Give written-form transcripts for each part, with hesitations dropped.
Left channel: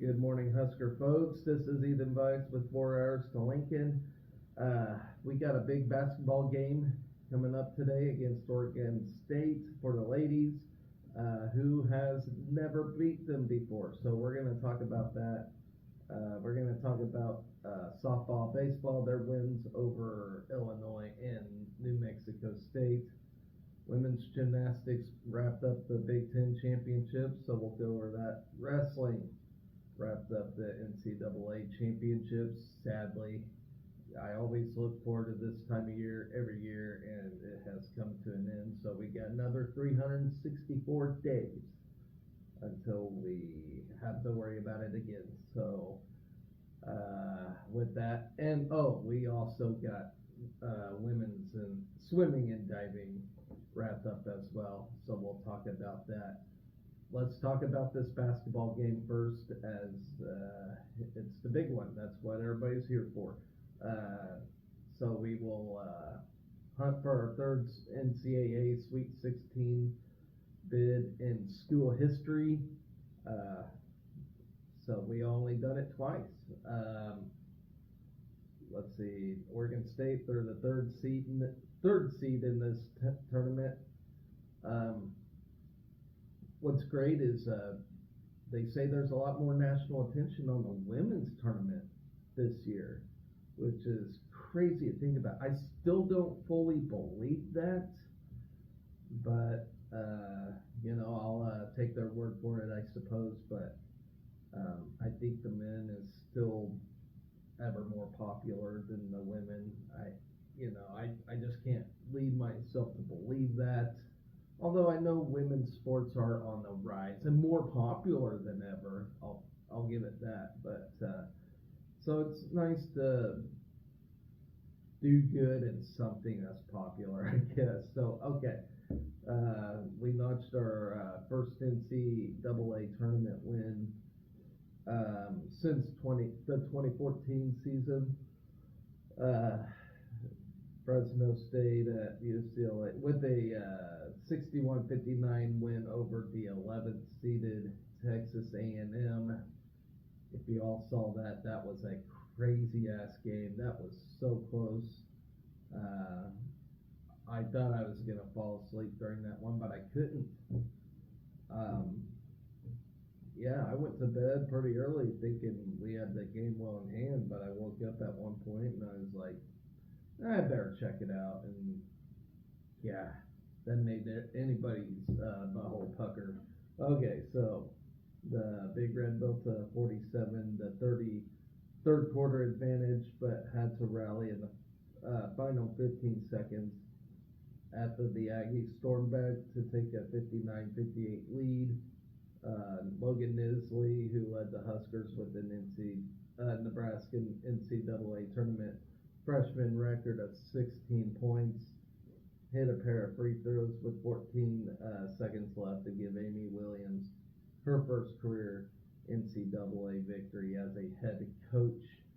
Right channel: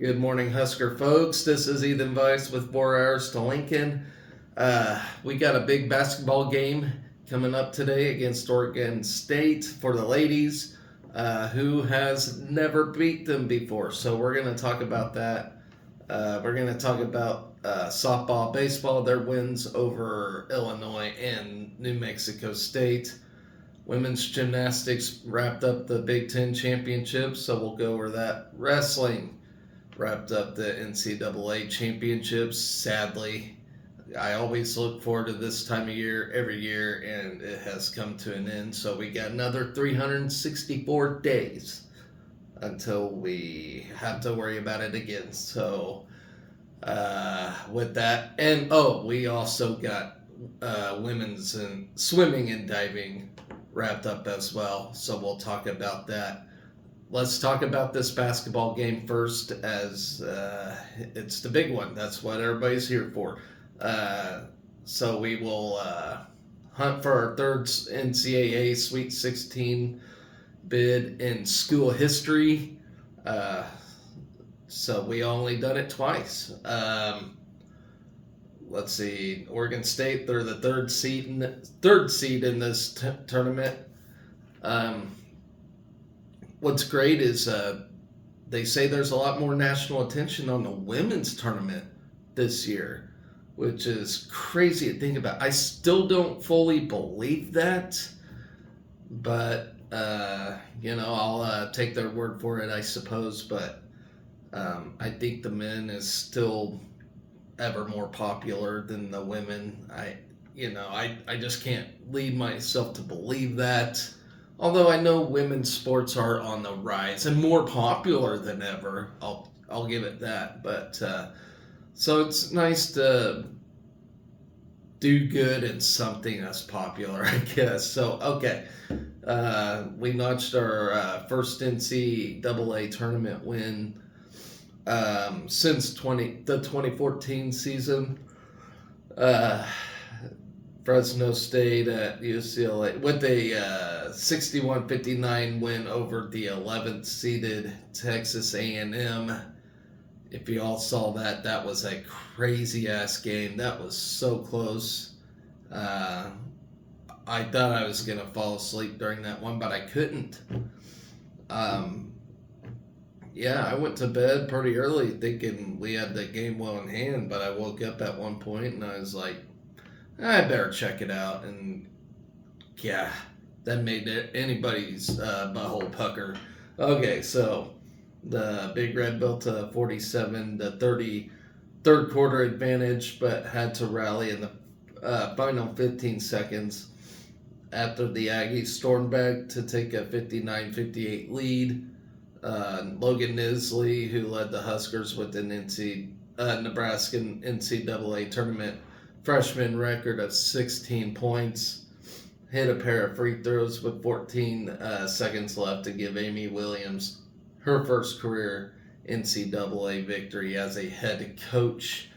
Good morning, Husker folks. This is Ethan Weiss with 4 Hours to Lincoln. We got a big basketball game coming up today against Oregon State for the ladies, who has never beat them before. So we're going to talk about that. We're going to talk about softball, baseball, their wins over Illinois and New Mexico State. Women's gymnastics wrapped up the Big Ten championship, so we'll go over that. Wrestling wrapped up the NCAA championships. Sadly, I always look forward to this time of year every year, and it has come to an end. So we got another 364 days until we have to worry about it again. So, with that, and we also got women's and swimming and diving wrapped up as well. So we'll talk about that. Let's talk about this basketball game first, as it's the big one. That's what everybody's here for. So we will hunt for our third NCAA Sweet 16 bid in school history. So we only done it twice. Let's see, Oregon State. They're the third seed in this tournament. What's great is they say there's a lot more national attention on the women's tournament this year, which is crazy to think about. I still don't fully believe that, but I'll take their word for it, I suppose. But I think the men is still ever more popular than the women. I just can't lead myself to believe that. Although I know women's sports are on the rise and more popular than ever, I'll give it that. But so it's nice to do good in something that's popular, I guess. So okay, we notched our first NCAA tournament win since the 2014 season. Fresno State at UCLA with a 61-59 win over the 11th seeded Texas A&M. If you all saw that, that was a crazy ass game. That was so close. I thought I was gonna fall asleep during that one, but I couldn't. I went to bed pretty early thinking we had the game well in hand, but I woke up at one point and I was like, I better check it out. And yeah, that made anybody's butthole pucker. Okay, so the Big Red built a 47-30 third quarter advantage, but had to rally in the final 15 seconds after the Aggies stormed back to take a 59-58 lead. Logan Nisley, who led the Huskers with an Nebraska NCAA tournament freshman record of 16 points, hit a pair of free throws with 14 seconds left to give Amy Williams her first career NCAA victory as a head coach.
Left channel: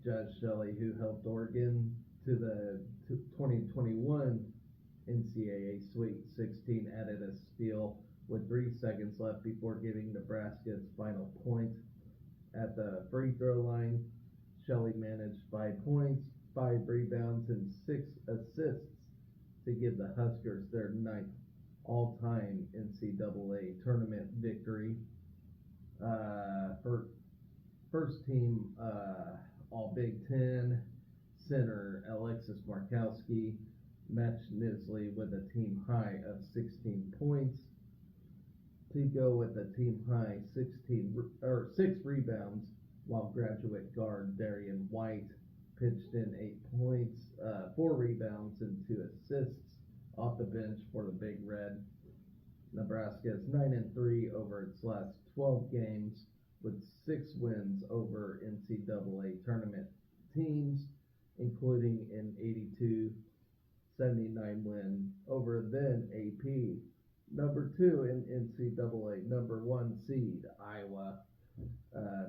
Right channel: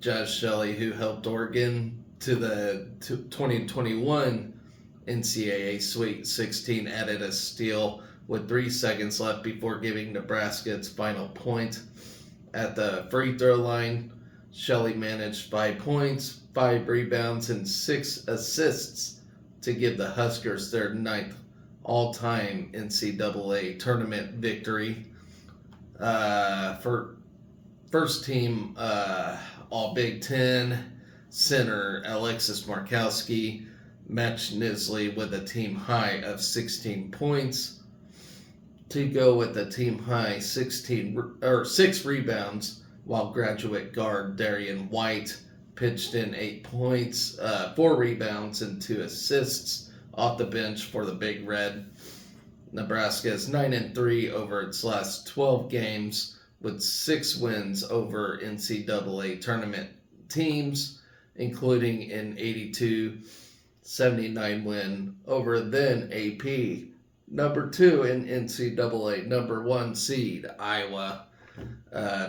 Josh Shelley, who helped Oregon to the 2021 NCAA Sweet 16, added a steal with 3 seconds left before giving Nebraska its final point. At the free throw line, Shelley managed 5 points, 5 rebounds, and 6 assists to give the Huskers their 9th all-time NCAA tournament victory. For first team All Big Ten center Alexis Markowski matched Nisley with a team high of 16 points to go with a team high 6 rebounds, while graduate guard Darian White pitched in 8 points, 4 rebounds, and 2 assists off the bench for the Big Red. Nebraska is 9-3 over its last 12 games, with 6 wins over NCAA tournament teams, including an 82-79 win over then AP number 2 in NCAA number 1 seed Iowa.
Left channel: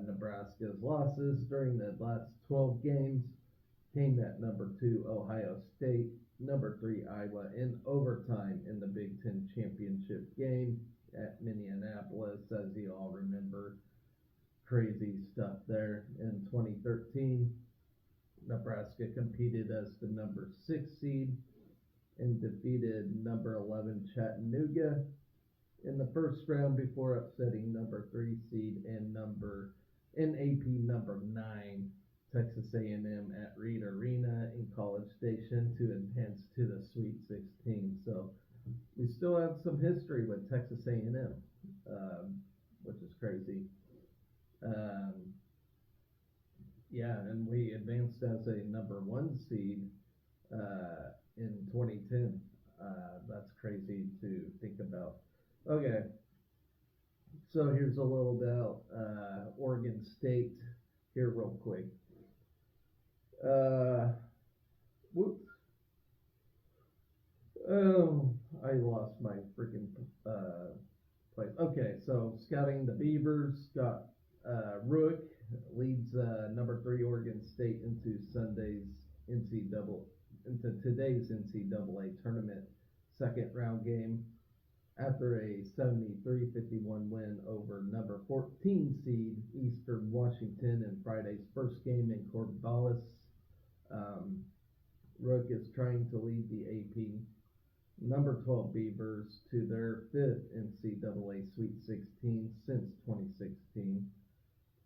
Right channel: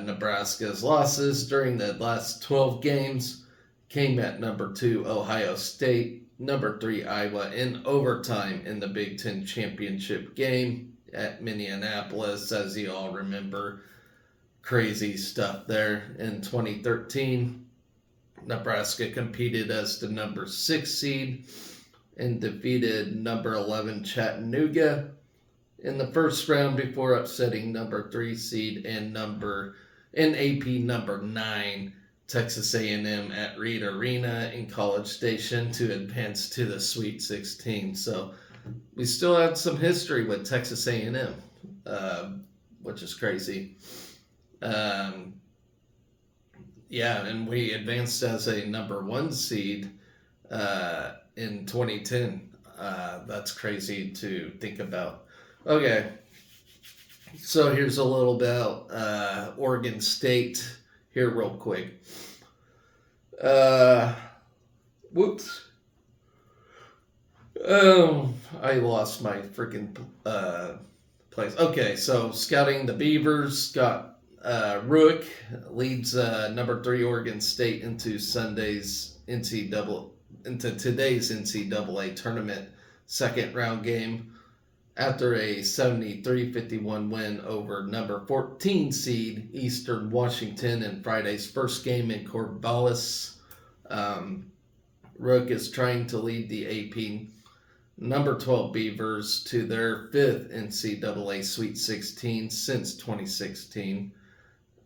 Nebraska's losses during the last 12 games came at number 2 Ohio State, number 3 Iowa in overtime in the Big Ten championship game, at Minneapolis, as you all remember. Crazy stuff there in 2013. Nebraska competed as the number 6 seed and defeated number 11 Chattanooga in the first round before upsetting number 3 seed and AP number 9 Texas A&M at Reed Arena in College Station to advance to the Sweet 16. So we still had some history with Texas A&M, which is crazy. Yeah, and we advanced as a number 1 seed in 2010. That's crazy to think about. Okay, so here's a little about Oregon State here real quick. Whoops. I lost my freaking place. Okay, so scouting the Beavers got Rook leads number 3 Oregon State into today's NCAA tournament second round game after a 73-51 win over number 14 seed Eastern Washington in Friday's first game in Corvallis. Rook is trying to lead the AP number 12 Beavers to their 5th NCAA Sweet 16 since 2016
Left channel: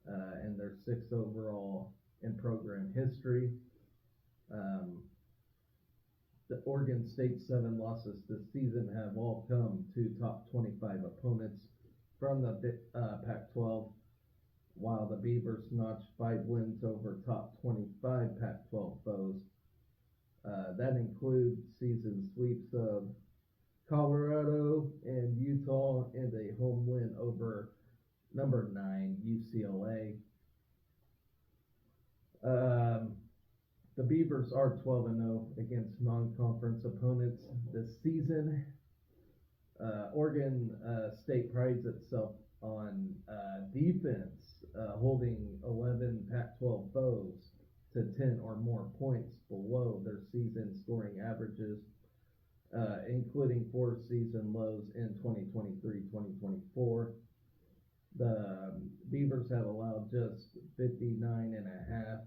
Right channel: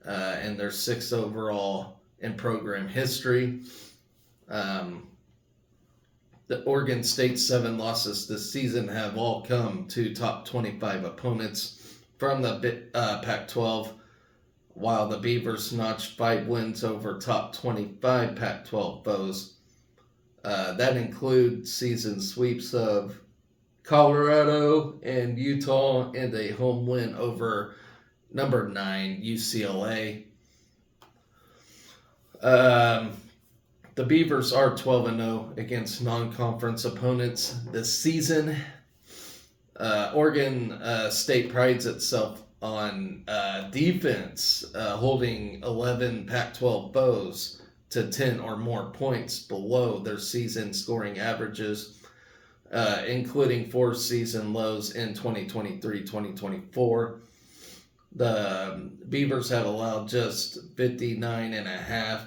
and their 6th overall in program history. The Oregon State's 7 losses this season have all come to top 25 opponents from the Pac-12, while the Beavers notched 5 wins over top 25 Pac-12 foes. That include season sweeps of Colorado and Utah and a home win over number 9 UCLA. The Beavers are 12-0 against non-conference opponents this season. Oregon State prides itself on defense, holding 11 Pac-12 foes to 10 or more points below their season scoring averages, including 4 season lows in 2023-2024. The Beavers have allowed just 59.5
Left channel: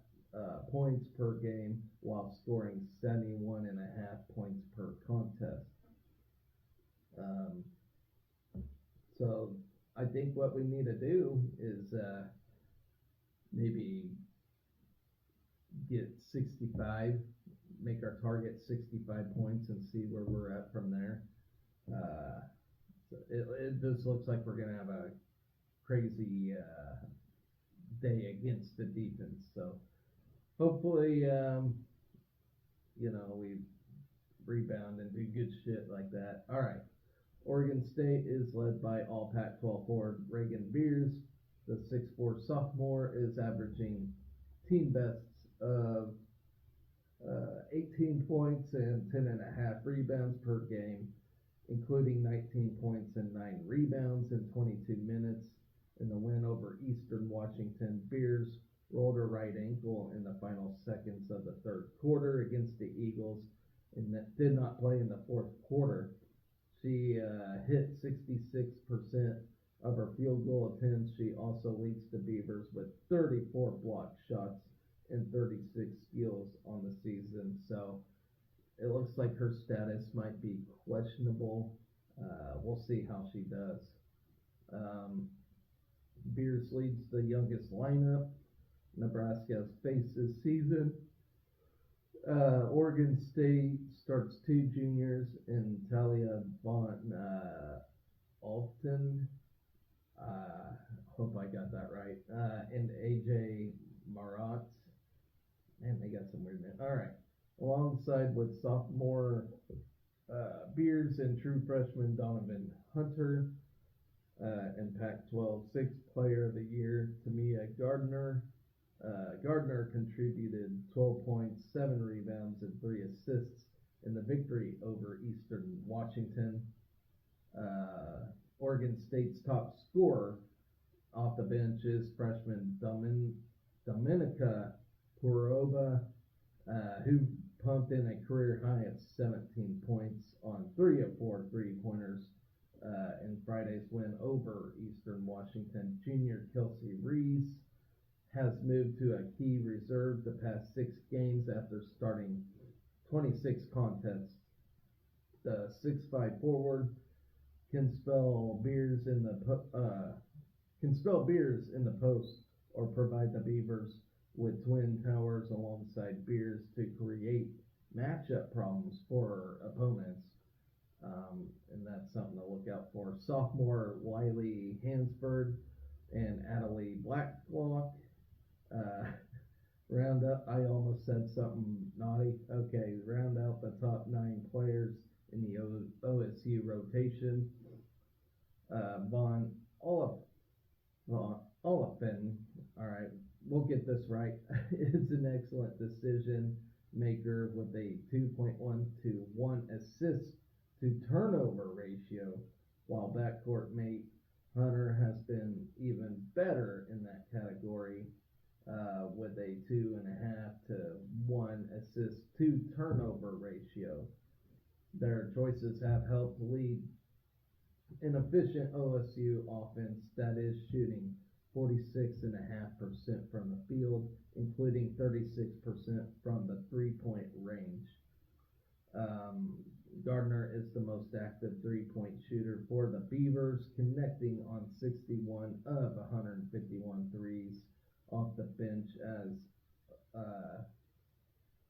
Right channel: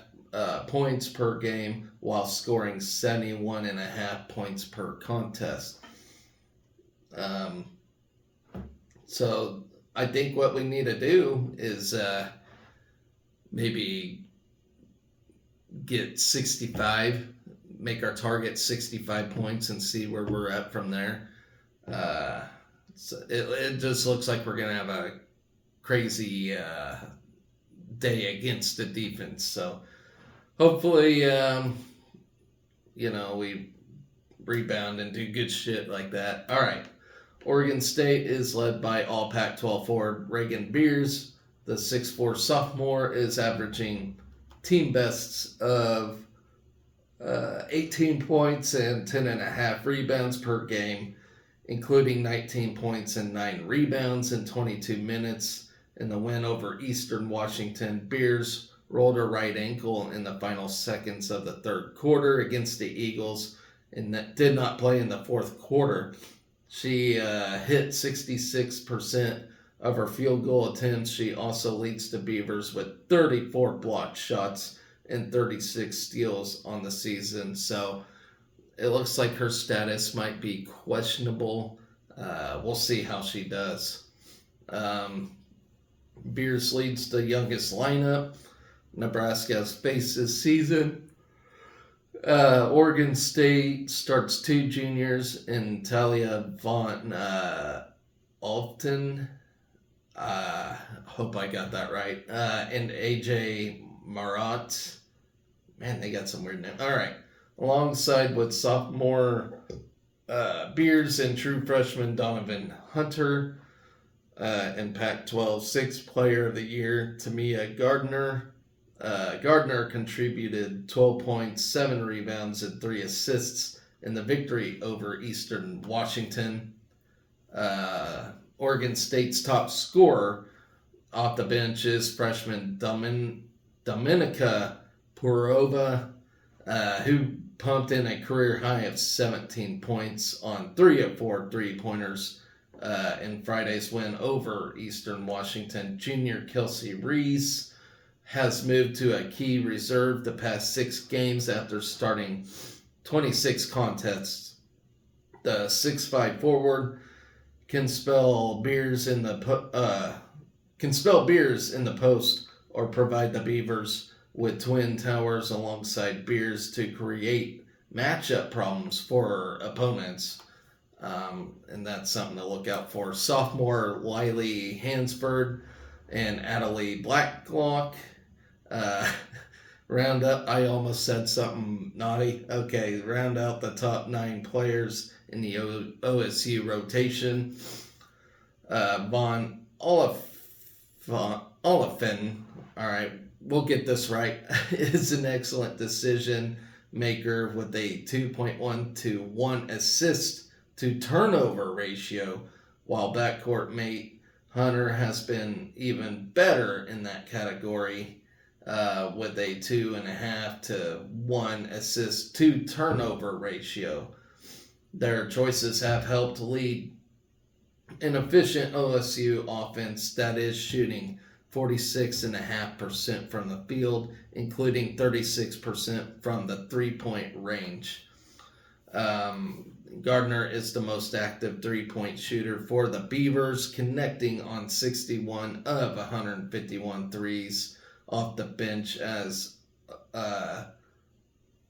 points per game while scoring 71.5 points per contest. So I think what we need to do is maybe get 65, make our target 65 points and see where we're at from there. So it just looks like we're going to have a crazy day against the defense. So hopefully, we rebound and do good shit like that. All right. Oregon State is led by all Pac-12 forward Reagan Beers. The 6'4 sophomore is averaging team bests of 18 points and 10.5 rebounds per game, including 19 points and 9 rebounds in 22 minutes. In the win over Eastern Washington, Beers rolled her right ankle in the final seconds of the third quarter against the Eagles and did not play in the fourth quarter. She hit 66% of her field goal attempts. She also leads the Beavers with 34 blocked shots and 36 steals on the season. So it looks like her status might be questionable. We'll see how she does. Beers leads the youngest lineup Nebraska has faced this season. Oregon State starts 2 juniors in Talia Von Alton. Hope I got that right. And AJ Marat. Man, they got some weird names. All right. Alongside with sophomore Beers and true freshman Donovan Hunter. And Pac-12 6th Player of the Year, Tamia Gardner. Gardner contributed 12 points, 7 rebounds, and 3 assists in the victory over Eastern Washington. Oregon State's top scorer off the bench is freshman Dominika Purova, who pumped in a career high of 17 points on 3 of 4 3-pointers in Friday's win over Eastern Washington. Junior Kelsey Reese has moved to a key reserve the past 6 games after starting 26 contests. The 6'5" forward can spell beers in the post or provide the Beavers with twin towers alongside beers to create matchup problems for opponents. And that's something to look out for. Sophomore Lily Hansford and Adelie Blacklock round up. I almost said something naughty. Okay, round out the top 9 players in the OSU rotation. Von Oliphant, all right, we'll get this right, is an excellent decision maker with a 2.1 to 1 assist to turnover ratio, while backcourt mate Hunter has been even better in that category with a 2.5 to 1 assist to turnover ratio. Their choices have helped lead an efficient OSU offense that is shooting 46.5% from the field, including 36% from the 3-point range. Gardner is the most active 3-point shooter for the Beavers, connecting on 61 of 151 threes off the bench as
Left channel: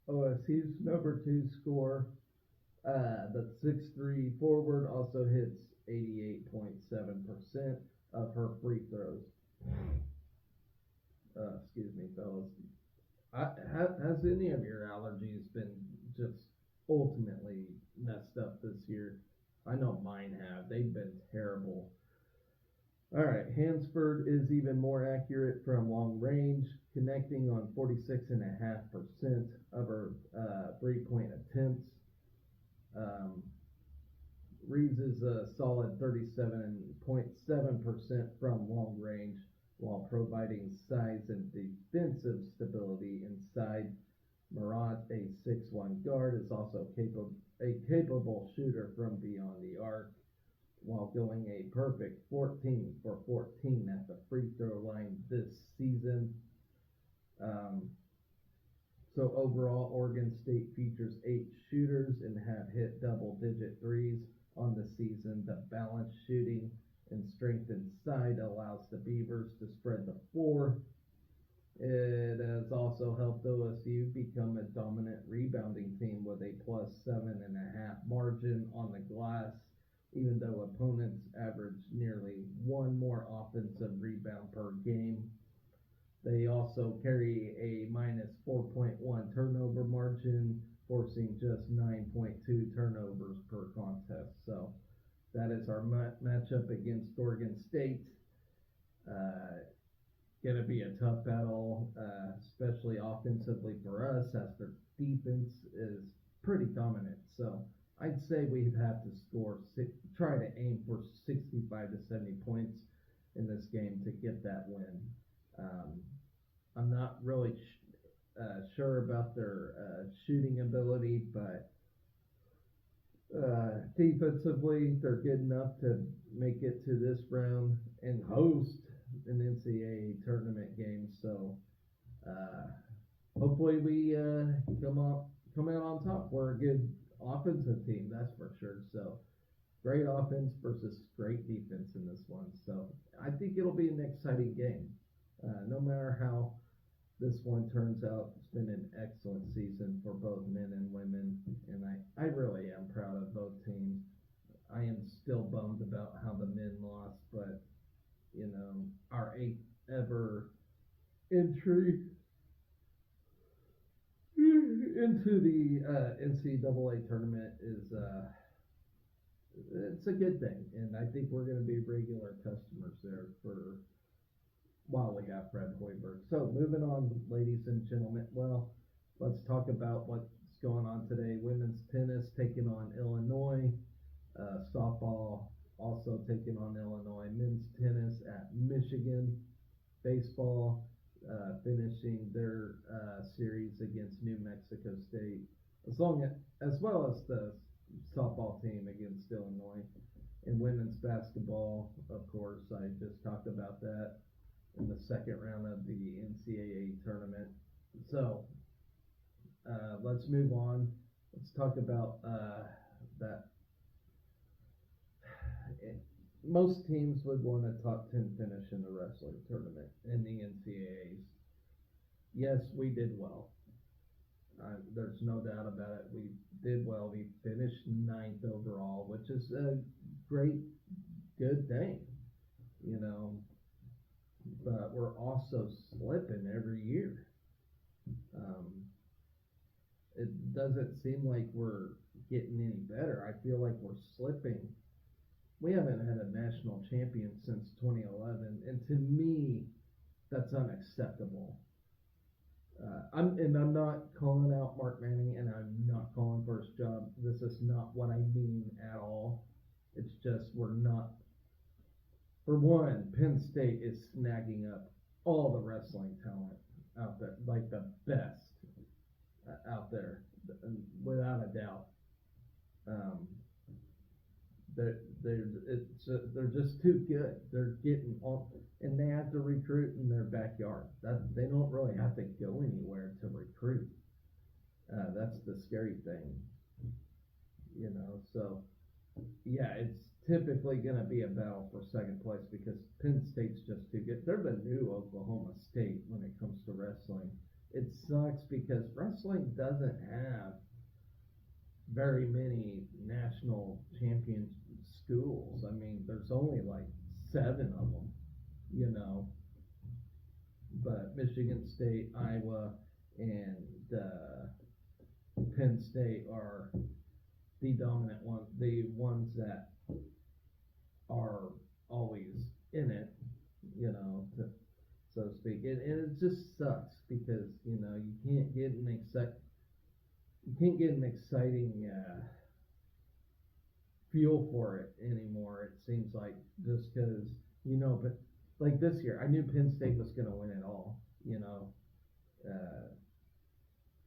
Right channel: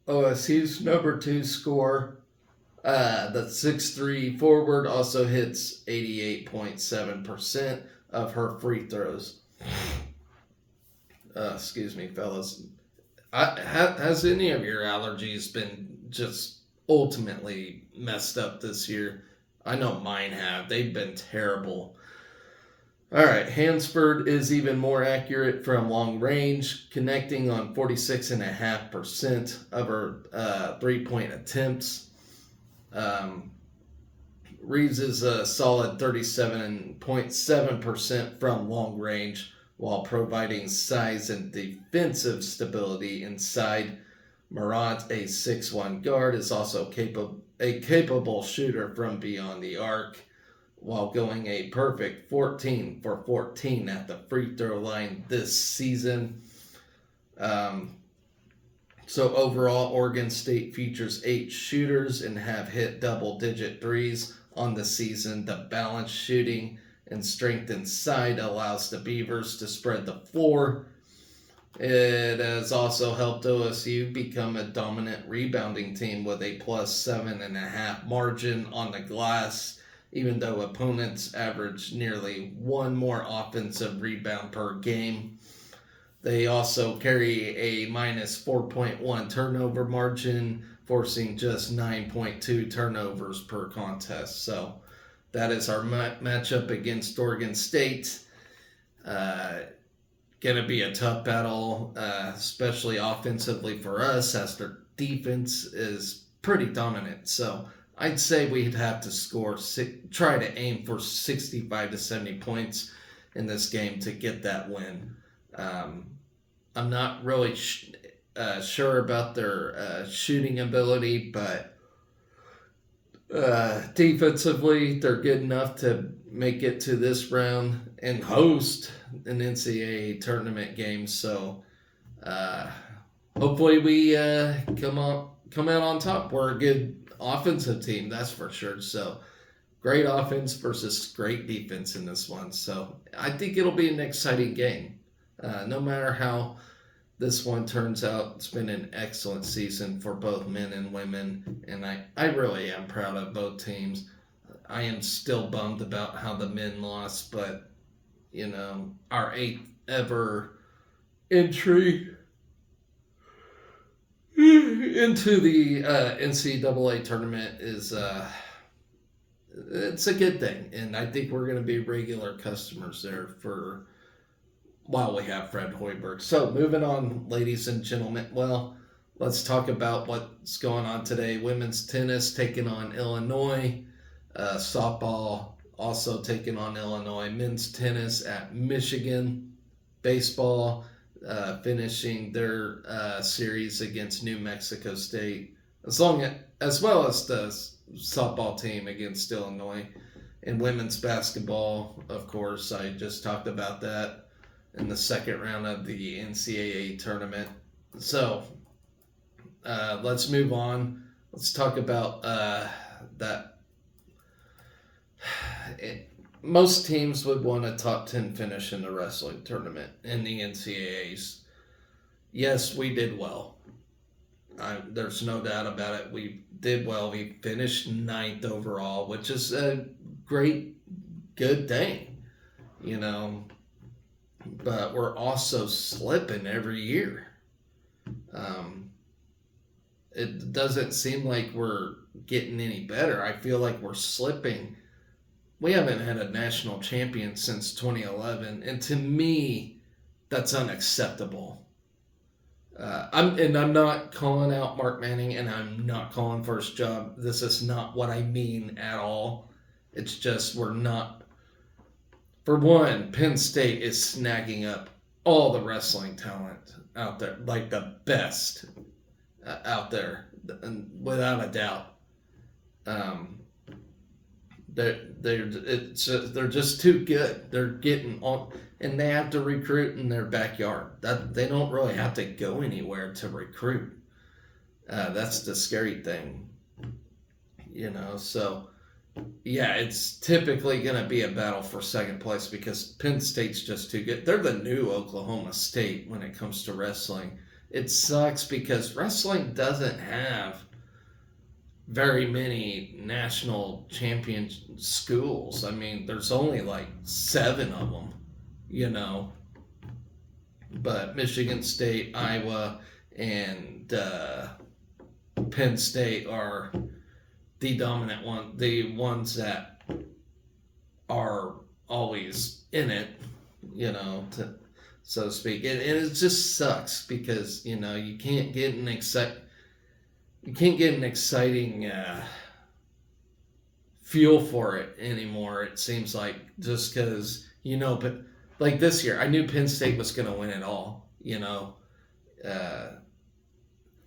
OSU's number 2 scorer. The 6'3" forward also hits 88.7% of her free throws. Excuse me, fellas. Has any of your allergies been just ultimately messed up this year? I know mine have. They've been terrible. All right, Hansford is even more accurate from long range, connecting on 46.5% of her 3-point attempts. Reeves is a solid 37.7% from long range, while providing size and defensive stability inside. Marat, a 6'1" guard, is also a capable shooter from beyond the arc, while going a perfect 14 for 14 at the free throw line this season. So overall, Oregon State features 8 shooters and have hit double-digit threes on the season. The balanced shooting and strength inside allows the Beavers to spread the floor. It has also helped OSU become a dominant rebounding team with a plus 7.5 margin on the glass, even though opponents average nearly 1 more offensive rebound per game. They also carry a minus 4.1 turnover margin, forcing just 9.2 turnovers per contest. So that is our matchup against Oregon State. Going to be a tough battle, especially offensively for us, as their defense is pretty dominant. So I'd say we'd have to try to aim for 65 to 70 points in this game to get that win. I'm not really sure about their shooting ability, but defensively, they're good enough to make it to this round and host an NCAA tournament game. So hopefully we come out on top. We're a good offensive team, that's for sure. So great offense versus great defense in this one. So I think it'll be an exciting game. No matter how this one turns out, it's been an excellent season for both men and women, and I really am proud of both teams. I am still bummed about how the men lost, but, you know, our 8th ever entry into the NCAA tournament is it's a good thing, and I think we're going to be regular customers there for while we have Fred Hoiberg. So moving on, ladies and gentlemen, well, let's talk about what's going on today. Women's tennis taking on Illinois. Softball also taking on Illinois. Men's tennis at Michigan. Baseball finishing their series against New Mexico State, as well as the softball team against Illinois. And women's basketball, of course, I just talked about that in the second round of the NCAA tournament. So let's move on. Let's talk about that. Most teams would want a top 10 finish in the wrestling tournament in the NCAAs. Yes, we did well. There's no doubt about it. We did well. We finished ninth overall, which is a great, good thing, you know. But we're also slipping every year. It doesn't seem like we're getting any better. I feel like we're slipping. We haven't had a national champion since 2011, and to me, that's unacceptable. I'm not calling out Mark Manning, and I'm not calling for his job. This is not what I mean at all. It's just we're not. For one, Penn State is snagging up all the wrestling talent out there, like the best out there, and without a doubt. They're just too good. They're getting on, and they have to recruit in their backyard. That they don't really have to go anywhere to recruit. That's the scary thing, you know. So yeah, it's typically going to be a battle for second place because Penn State's just too good. They're the new Oklahoma State when it comes to wrestling. It sucks because wrestling doesn't have very many national champion schools. I mean, there's only like 7 of them, you know. But Michigan State, Iowa, and Penn State are the dominant one, the ones that are always in it, you know, so to speak. And it just sucks because, you know, you can't get an exciting feel for it anymore. It seems like just because, you know, but like this year, I knew Penn State was going to win it all, you know.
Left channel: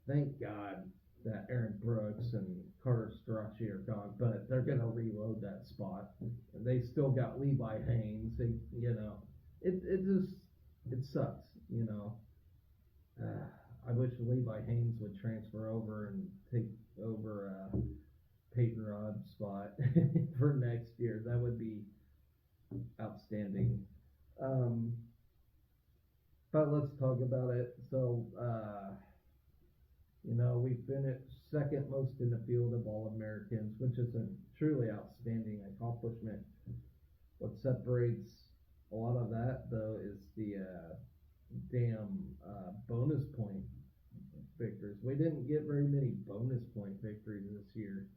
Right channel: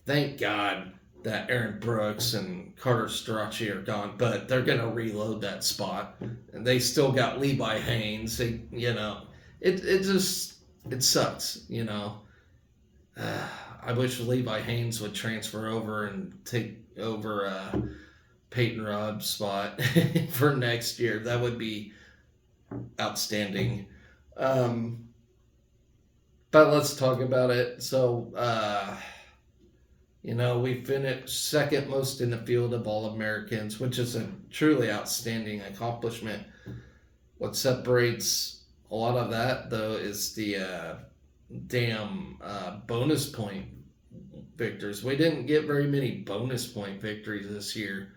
Thank God that Aaron Brooks and Carter Strachey are gone, but they're going to reload that spot. And they still got Levi Haynes. You know, it sucks, you know. I wish Levi Haynes would transfer over and take over Peyton Robb's spot for next year. That would be outstanding. But let's talk about it. So, you know, we finished second most in the field of All-Americans, which is a truly outstanding accomplishment. What separates a lot of that, though, is the damn bonus point victors. We didn't get very many bonus point victories this year,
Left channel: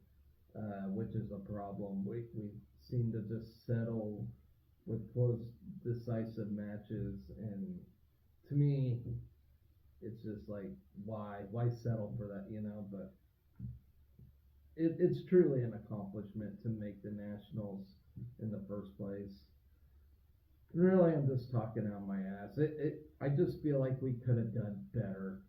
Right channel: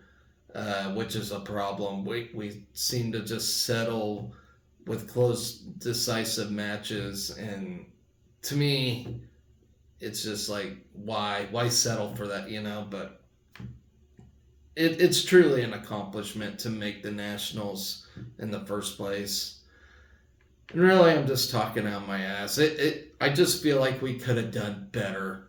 which is a problem. We seem to just settle with close, decisive matches, and to me, it's just like, why settle for that, you know? But it's truly an accomplishment to make the Nationals in the first place. And really, I'm just talking out my ass. I just feel like we could have done better.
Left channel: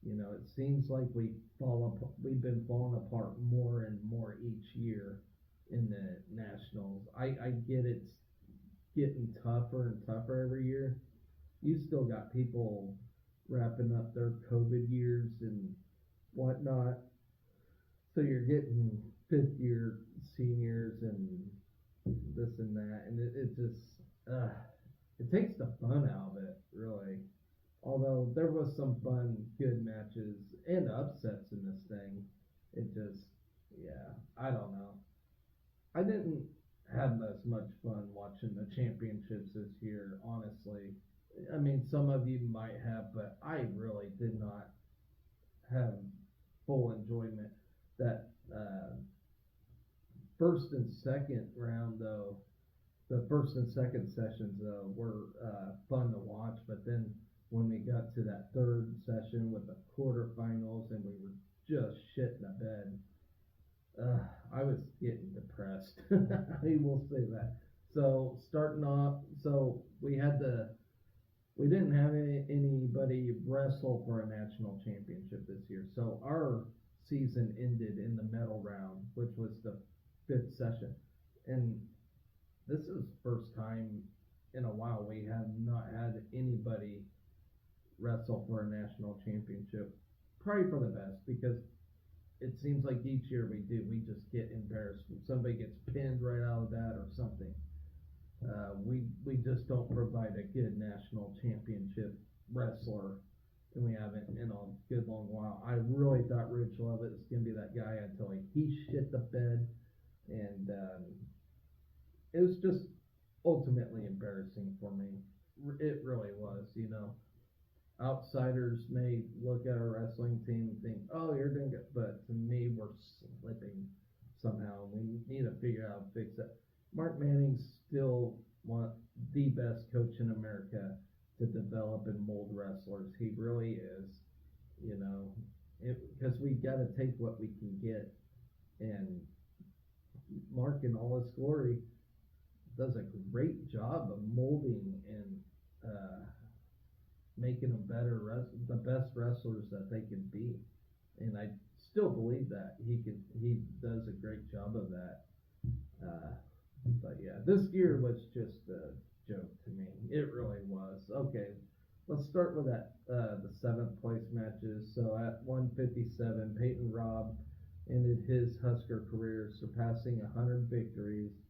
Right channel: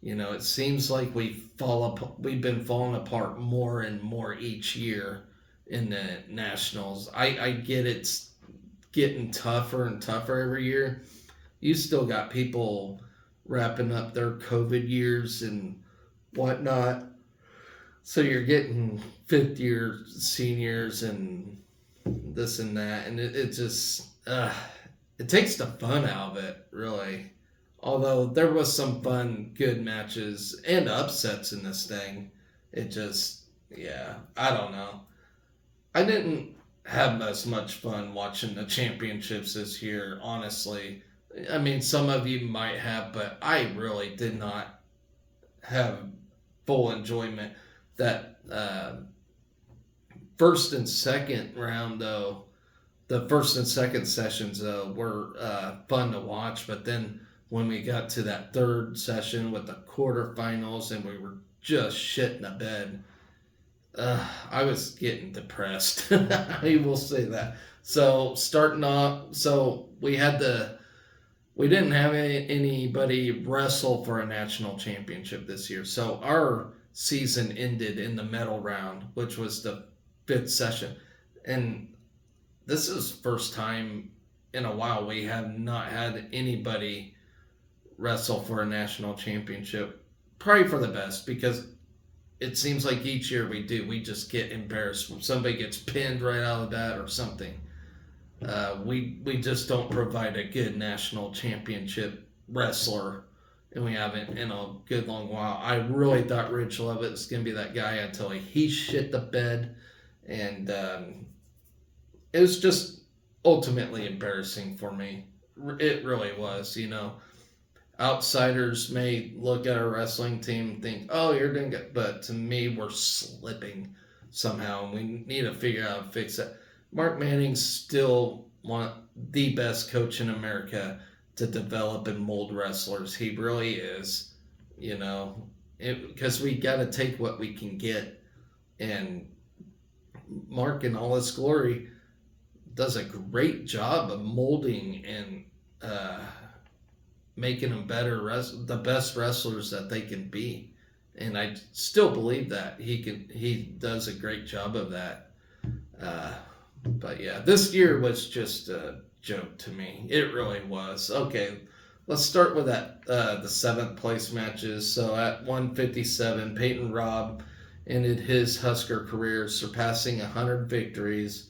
You know, it seems like we've been falling apart more and more each year in the Nationals. I get it's getting tougher and tougher every year. You still got people wrapping up their COVID years and whatnot. So you're getting fifth year seniors and this and that. And it just, it takes the fun out of it, really. Although there was some fun, good matches and upsets in this thing. It just, yeah, I don't know. I didn't have as much fun watching the championships this year, honestly. I mean, some of you might have, but I really did not have full enjoyment. That first and second round, though, the first and second sessions, though, were fun to watch. But then when we got to that third session with the quarterfinals and we were just shitting the bed, I was getting depressed. I will say that. So starting off, we didn't have anybody wrestle for a national championship this year. So our season ended in the medal round, which was the fifth session. And this is first time in a while we have not had anybody wrestle for a national championship. Probably for the best, because it seems like each year we just get embarrassed when somebody gets pinned right out of the bat or something. We just don't provide a good national championship wrestler, and we haven't in a good long while. I really thought Rich Lovett was going to be that guy until he shit the bed, and it was just ultimately embarrassing for me. It really was, Outsiders may look at our wrestling team and think, oh, you're doing good. But to me, we're slipping somehow, and we need to figure out how to fix that. Mark Manning's still the best coach in America to develop and mold wrestlers. He really is, because we got to take what we can get. And Mark, in all his glory, does a great job of molding and making them the best wrestlers that they can be. And I still believe that he does a great job of that. But yeah, this year was just a joke to me. It really was. Okay, let's start with that the 7th place matches. So at 157, Peyton Robb ended his Husker career surpassing 100 victories,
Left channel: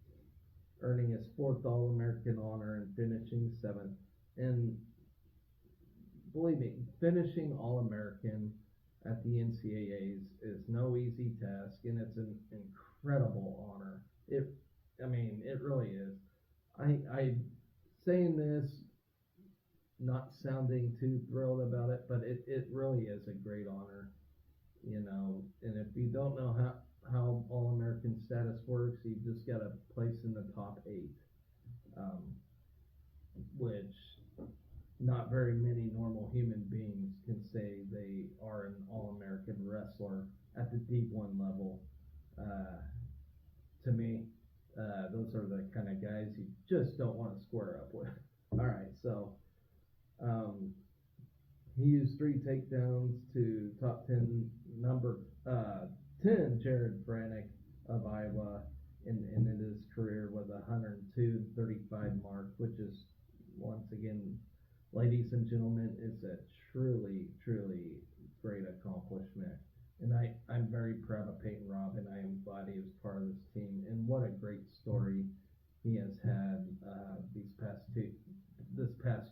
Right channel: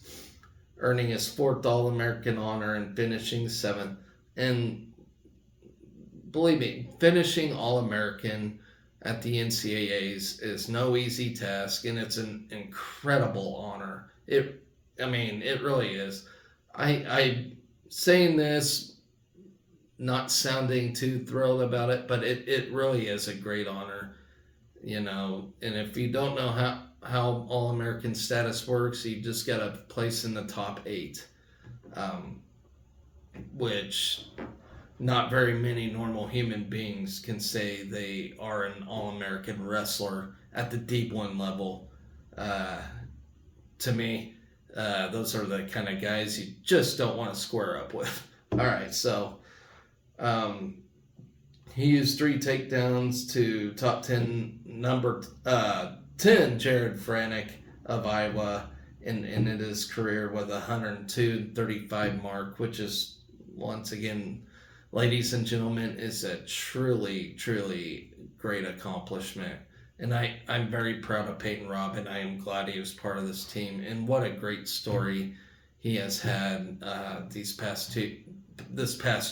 earning his 4th All-American honor and finishing 7th. And believe me, finishing All-American at the NCAAs is no easy task, and it's an incredible honor. It really is. I saying this, not sounding too thrilled about it, but it really is a great honor, And if you don't know how All-American status works, you just got to place in the top 8, which not very many normal human beings can say they are an All-American wrestler at the Deep 1 level. To me, those are the kind of guys you just don't want to square up with. All right, so he used 3 takedowns to top 10 number 10 Jared Franick of Iowa, and ended his career with a 102.35 mark, which is, once again, ladies and gentlemen, is a truly, truly great accomplishment. And I'm very proud of Peyton Robb, and I am glad he was part of this team. And what a great story he has had this past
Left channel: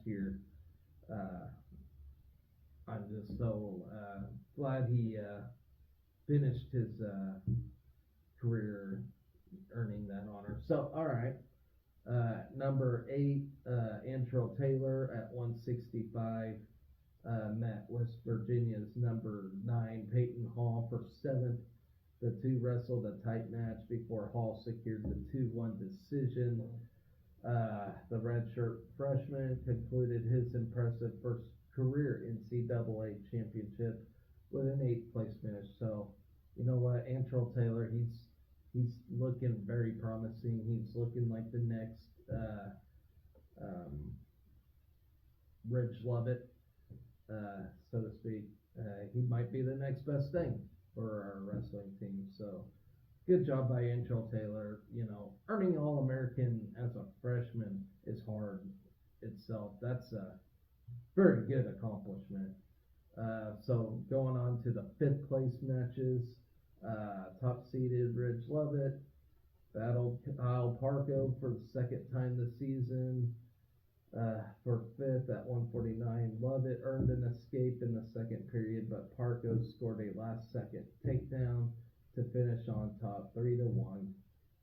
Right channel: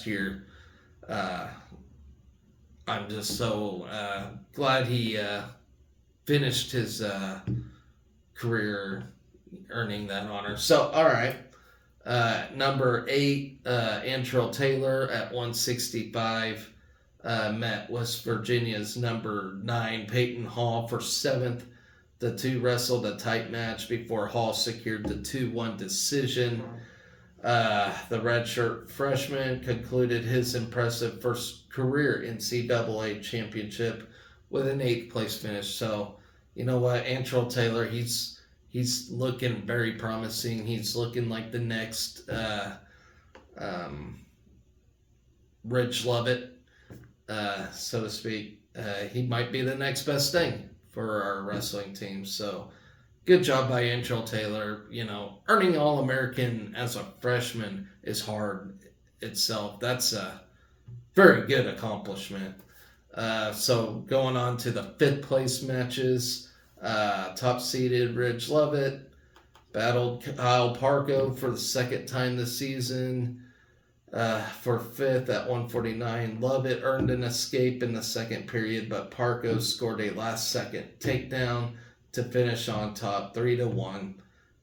year. I'm just so glad he finished his career earning that honor. So, all right. Number 8, Antrell Taylor at 165. Met West Virginia's number 9, Peyton Hall, for 7th. The two wrestled a tight match before Hall secured the 2-1 decision. The redshirt freshman concluded his impressive first career NCAA championship with an 8th place finish. So, you know what, Antrell Taylor, he's looking very promising. He's looking like the next Rich Lovett, so to speak. He might be the next best thing for our wrestling team. So good job by Antrell Taylor. Earning All-American as a freshman is hard itself. That's a very good accomplishment. So going on to the 5th place matches, top-seeded Ridge Lovett battled Kyle Parko for the 2nd time this season. For 5th at 149, Lovett earned an escape in the 2nd period, but Parko scored a last-second takedown to finish on top, 3-1.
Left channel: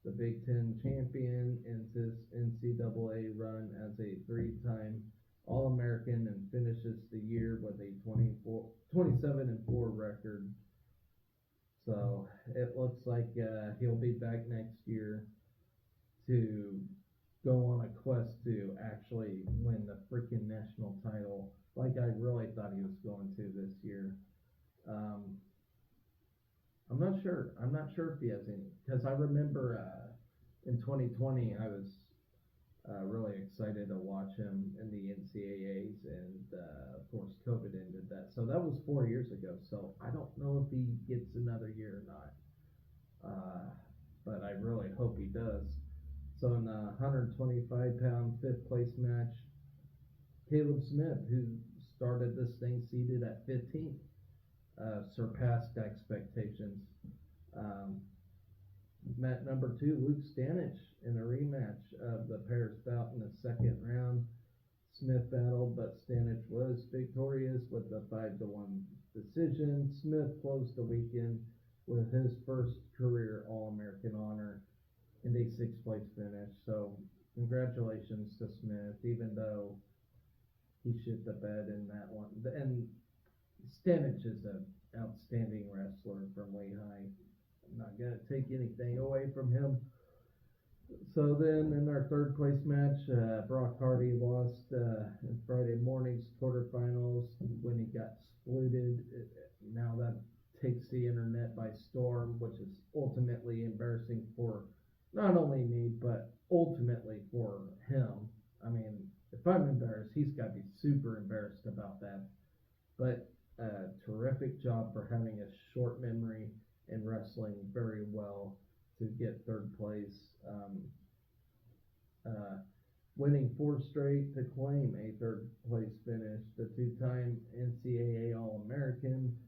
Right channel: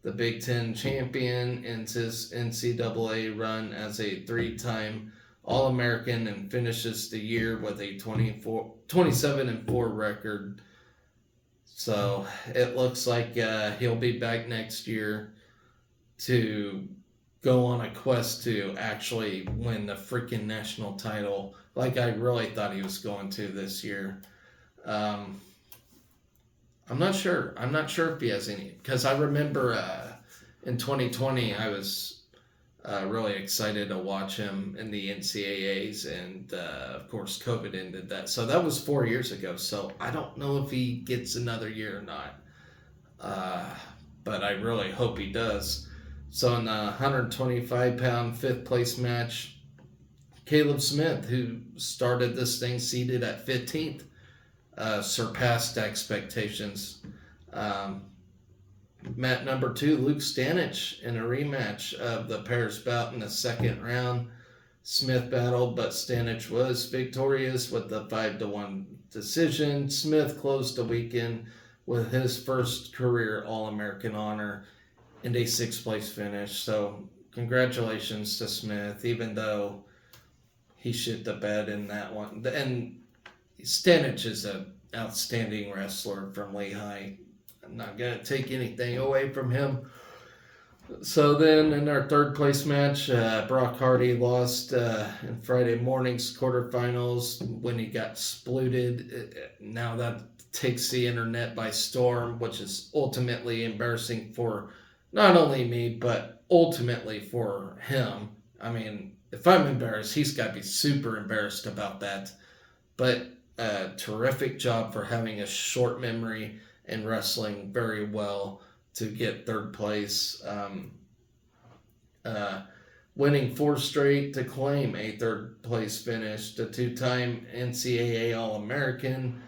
The Big Ten champion ends his NCAA run as a 3-time All-American and finishes the year with a 27-4 record. So it looks like he'll be back next year to go on a quest to actually win the freaking national title, like I really thought he was going to this year. I'm not sure. I'm not sure if he has any, because I remember in 2020 I was really excited to watch him in the NCAAs, and of course COVID ended that. So that was 4 years ago. So I don't know if he gets another year or not, but I really hope he does. So in the 125-pound fifth place match, Caleb Smith, who started this thing seated at 15th, surpassed expectations. Um, Met number 2, Luke Stanich, in a rematch of the pairs bout in the second round. Smith battled, but Stanich was victorious with the 5-1 decision. Smith closed the weekend with his first career All-American honor and a 6th place finish. So congratulations to Smith, even though he shit the bed in that one. And Stanich is an outstanding wrestler from Lehigh. I'm not going to take anything away from him. So then in our third place match, Brock Hardy lost in Friday morning's quarterfinals when he got splooted. Now that takes the internet by storm, which is ultimately embarrassing for not only me, but ultimately for him. I mean, if I'm embarrassed, he's got to be super embarrassed about that. But terrific job for having a short memory and wrestling very well to get third place. Winning 4 straight to claim a third place finish. The 2-time NCAA All-American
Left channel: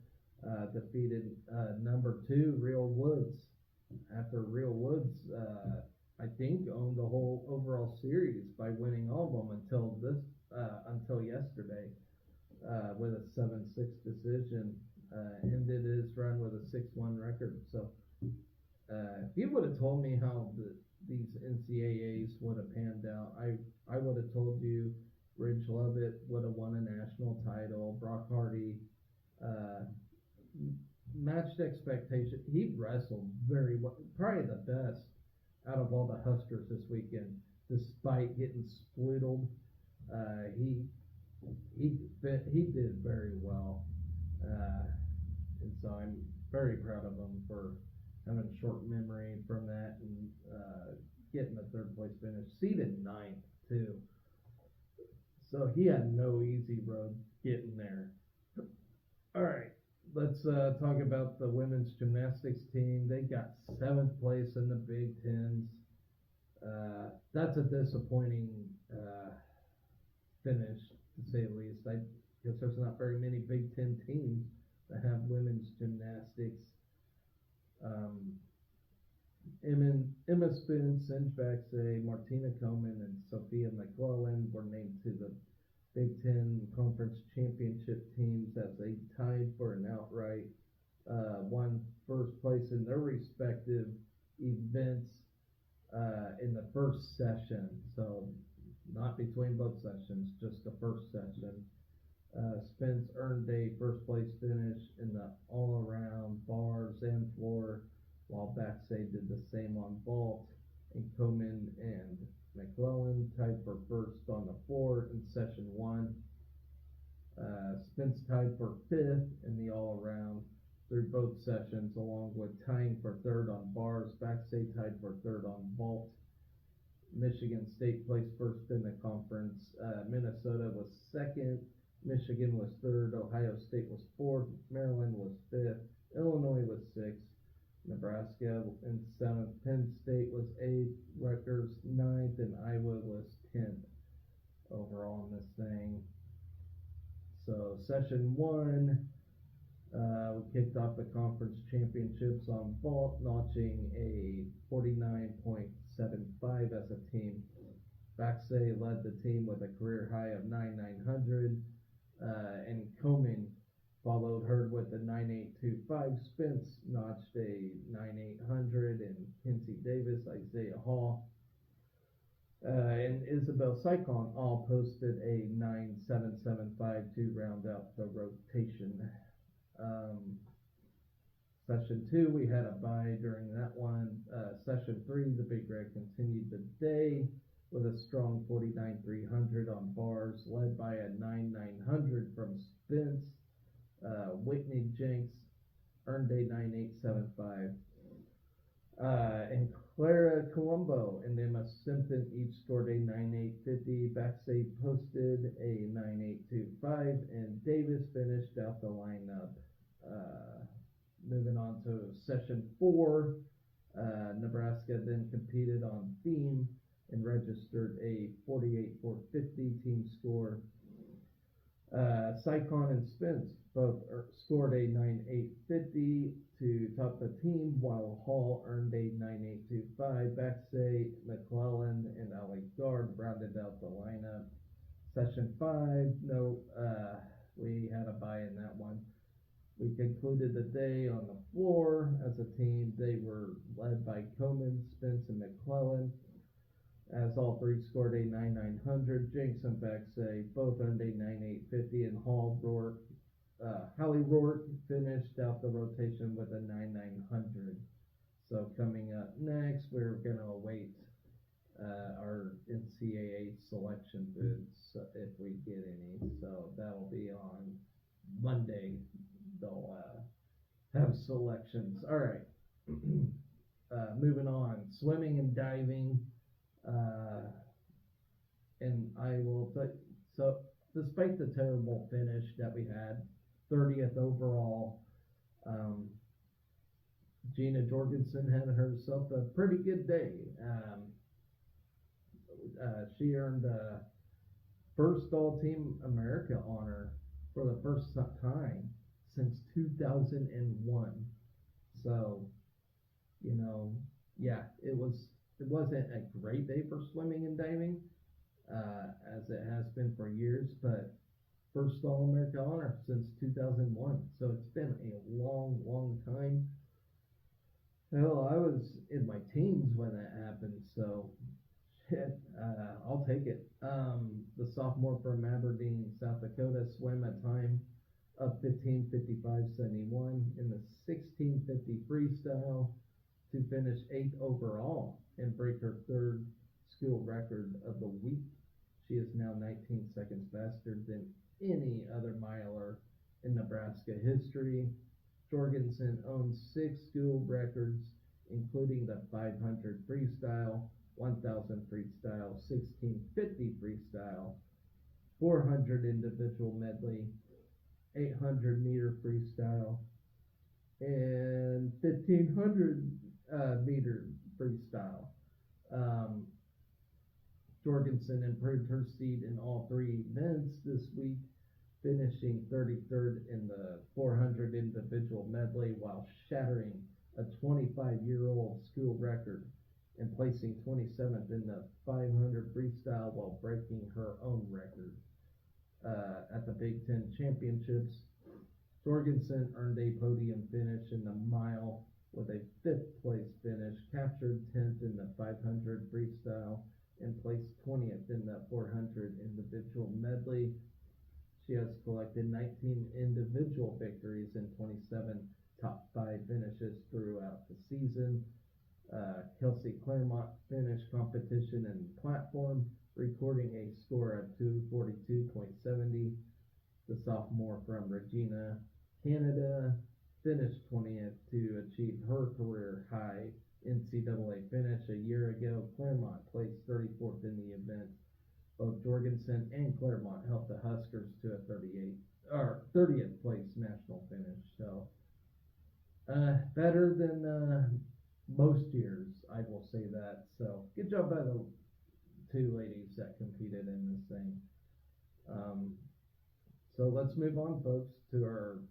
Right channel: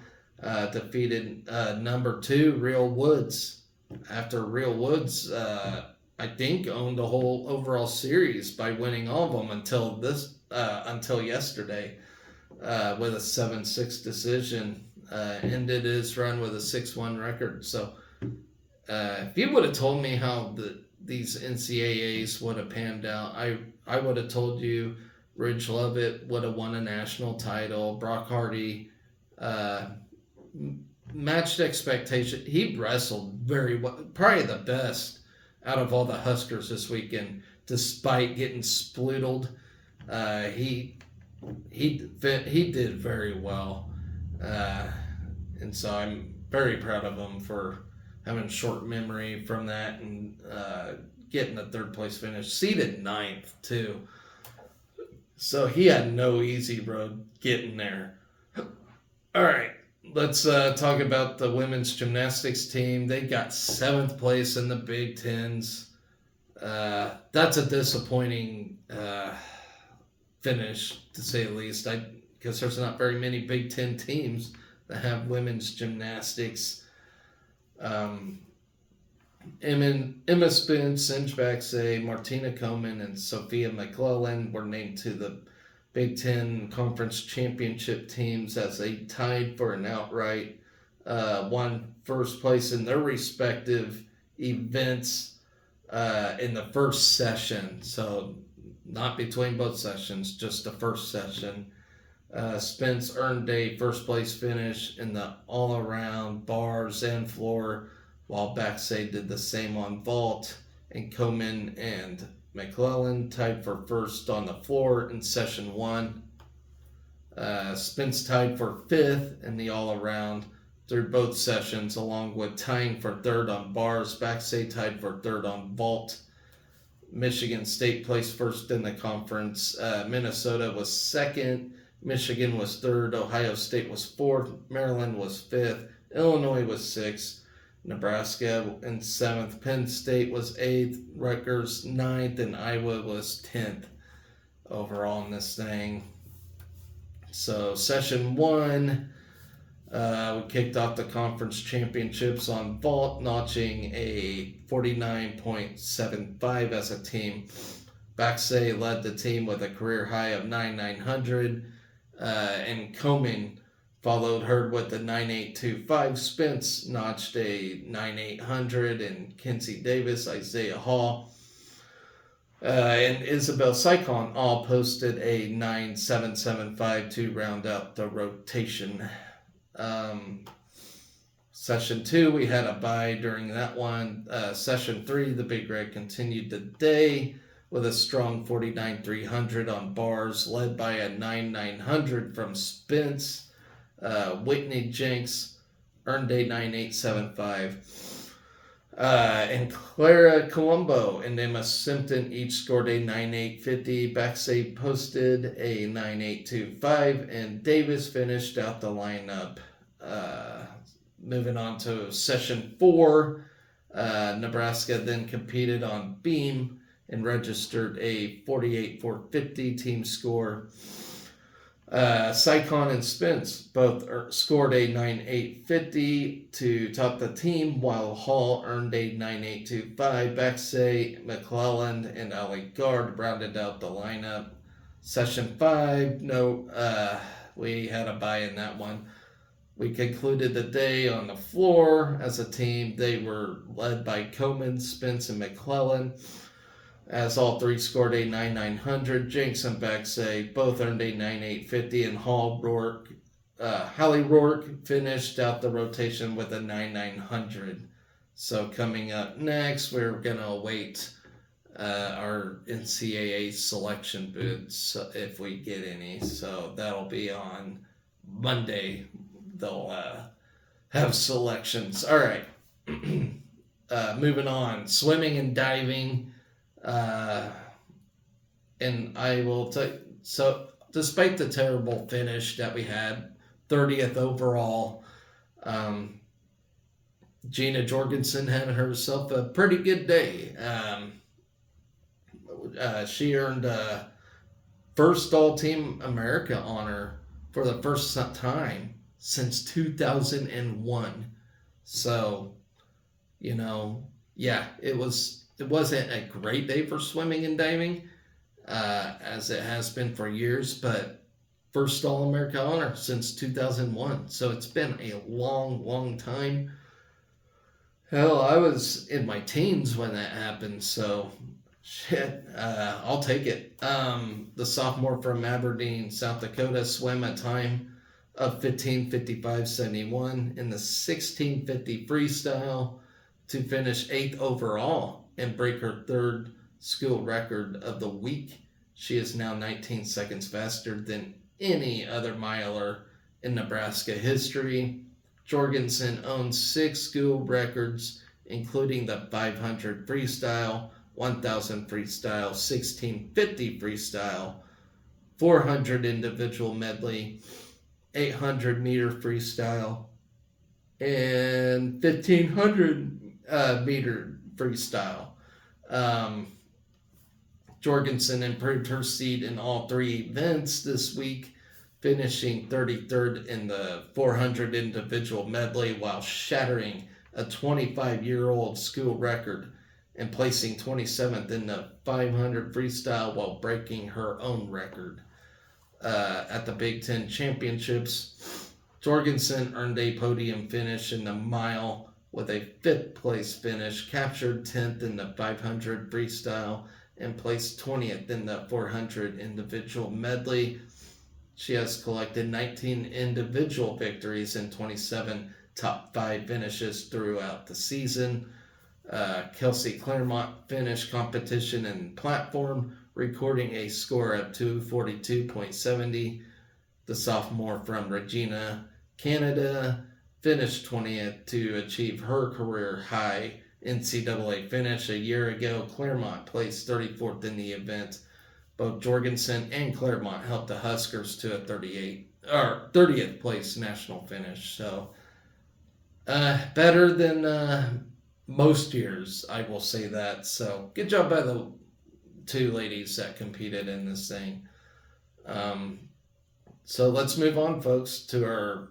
defeated number 2, Real Woods. After Real Woods, I think, owned the whole overall series by winning all of them until yesterday with a 7-6 decision. Ended his run with a 6-1 record. So if you would have told me how these NCAAs would have panned out, I would have told you Ridge Lovett would have won a national title. Brock Hardy matched expectation. He wrestled very well, probably the best out of all the Huskers this weekend, despite getting sploodled. He did very well, and so I'm very proud of him for having short memory from that and getting a third place finish, seeded 9th too. So he had no easy road getting there. All right, let's talk about the women's gymnastics team. They got 7th place in the Big Tens. That's a disappointing finish, to say the least. Because there's not very many Big Ten teams that have women's gymnastics. Emma Spence, Singe Baxay, Martina Coleman, and Sophia McClellan were named to the Big Ten Conference Championship teams as they tied for an outright won first place in their respective events in the first session. So not between both sessions, just the first session. Spence earned a first place finish in the all-around bars and floor, while Baxay did the same on vault, and Coleman and McClellan tied for first on the floor in session 1. Spence tied for 5th in the all-around through both sessions, along with tying for 3rd on bars. Baxay tied for 3rd on vault. Michigan State placed first in the conference. Minnesota was 2nd. Michigan was 3rd. Ohio State was 4th. Maryland was 5th. Illinois was 6th. Nebraska in 7th. Penn State was 8th. Rutgers 9th. And Iowa was 10th overall in this thing. So session 1, we kicked off the conference championships on vault, notching a 49.75 as a team. Baxay led the team with a career high of 9,900, and Coleman followed her with the 9,825. Spence notched a 9,800, and Kinsey Davis, Isaiah Hall, and Isabel Sycon all posted a 9,775 to round out the rotation. Session 2, we had a bye during that one. Session 3, the Big Red continued the day with a strong 49,300 on bars, led by a 9,900 from Spence. Whitney Jenks earned a 9,875. And Clara Colombo and Emma Simpson each scored a 9,850. Baxay posted a 9,825, and Davis finished out the lineup. Moving on to session 4, Nebraska then competed on beam and registered a 48-450 team score. Sycon and Spence both scored a 9.850 to top the team, while Hall earned a 9.825. Bexay, McClelland, and Ali Gard rounded out the lineup. Session 5, we had a bye in that one. We concluded the day on the floor as a team. They were led by Coleman, Spence, and McClellan, as all three scored a 9.900. Jenks and Bexay both earned a 9.850, and Hallie Rourke finished out the rotation with a 9.900. So coming up next, we're going to await our NCAA selection booths if we get any. So that'll be on Monday. They'll have selections. All right. Moving on. Swimming and diving. And I will tell you, so despite the terrible finish that we had, 30th overall, Gina Jorgensen had herself a pretty good day. She earned first All-Team America honor for the first time since 2001. So, it wasn't a great day for swimming and diving, as it has been for years, but first All-America honor since 2001. So it's been a long, long time. Hell, I was in my teens when that happened, so I'll take it. The sophomore from Aberdeen, South Dakota, swam a time of 15:55.71 in the 16:50 freestyle to finish 8th overall and break her third school record of the week. She is now 19 seconds faster than any other miler in Nebraska history. Jorgensen owns 6 school records, including the 500 freestyle, 1000 freestyle, 1650 freestyle, 400 individual medley, 800 meter freestyle, and 1500 meter freestyle. Jorgensen improved her seed in all 3 events this week, finishing 33rd in the 400 individual medley while shattering a 25-year-old school record and placing 27th in the 500 freestyle while breaking her own record. At the Big Ten Championships, Jorgensen earned a podium finish in the mile with a 5th place finish, captured 10th in the 500 freestyle, and placed 20th in the 400 individual medley. She has collected 19 individual victories and 27 top 5 finishes throughout the season. Kelsey Claremont finished competition in platform, recording a score of 2:42.70. The sophomore from Regina, Canada, finished 20th to achieve her career high NCAA finish a year ago. Claremont placed 34th in the event. Both Jorgensen and Claremont helped the Huskers to a 30th place national finish. So, better than most years, I will say that. So, good job by the 2 ladies that competed in this thing. So let's move on, folks, to our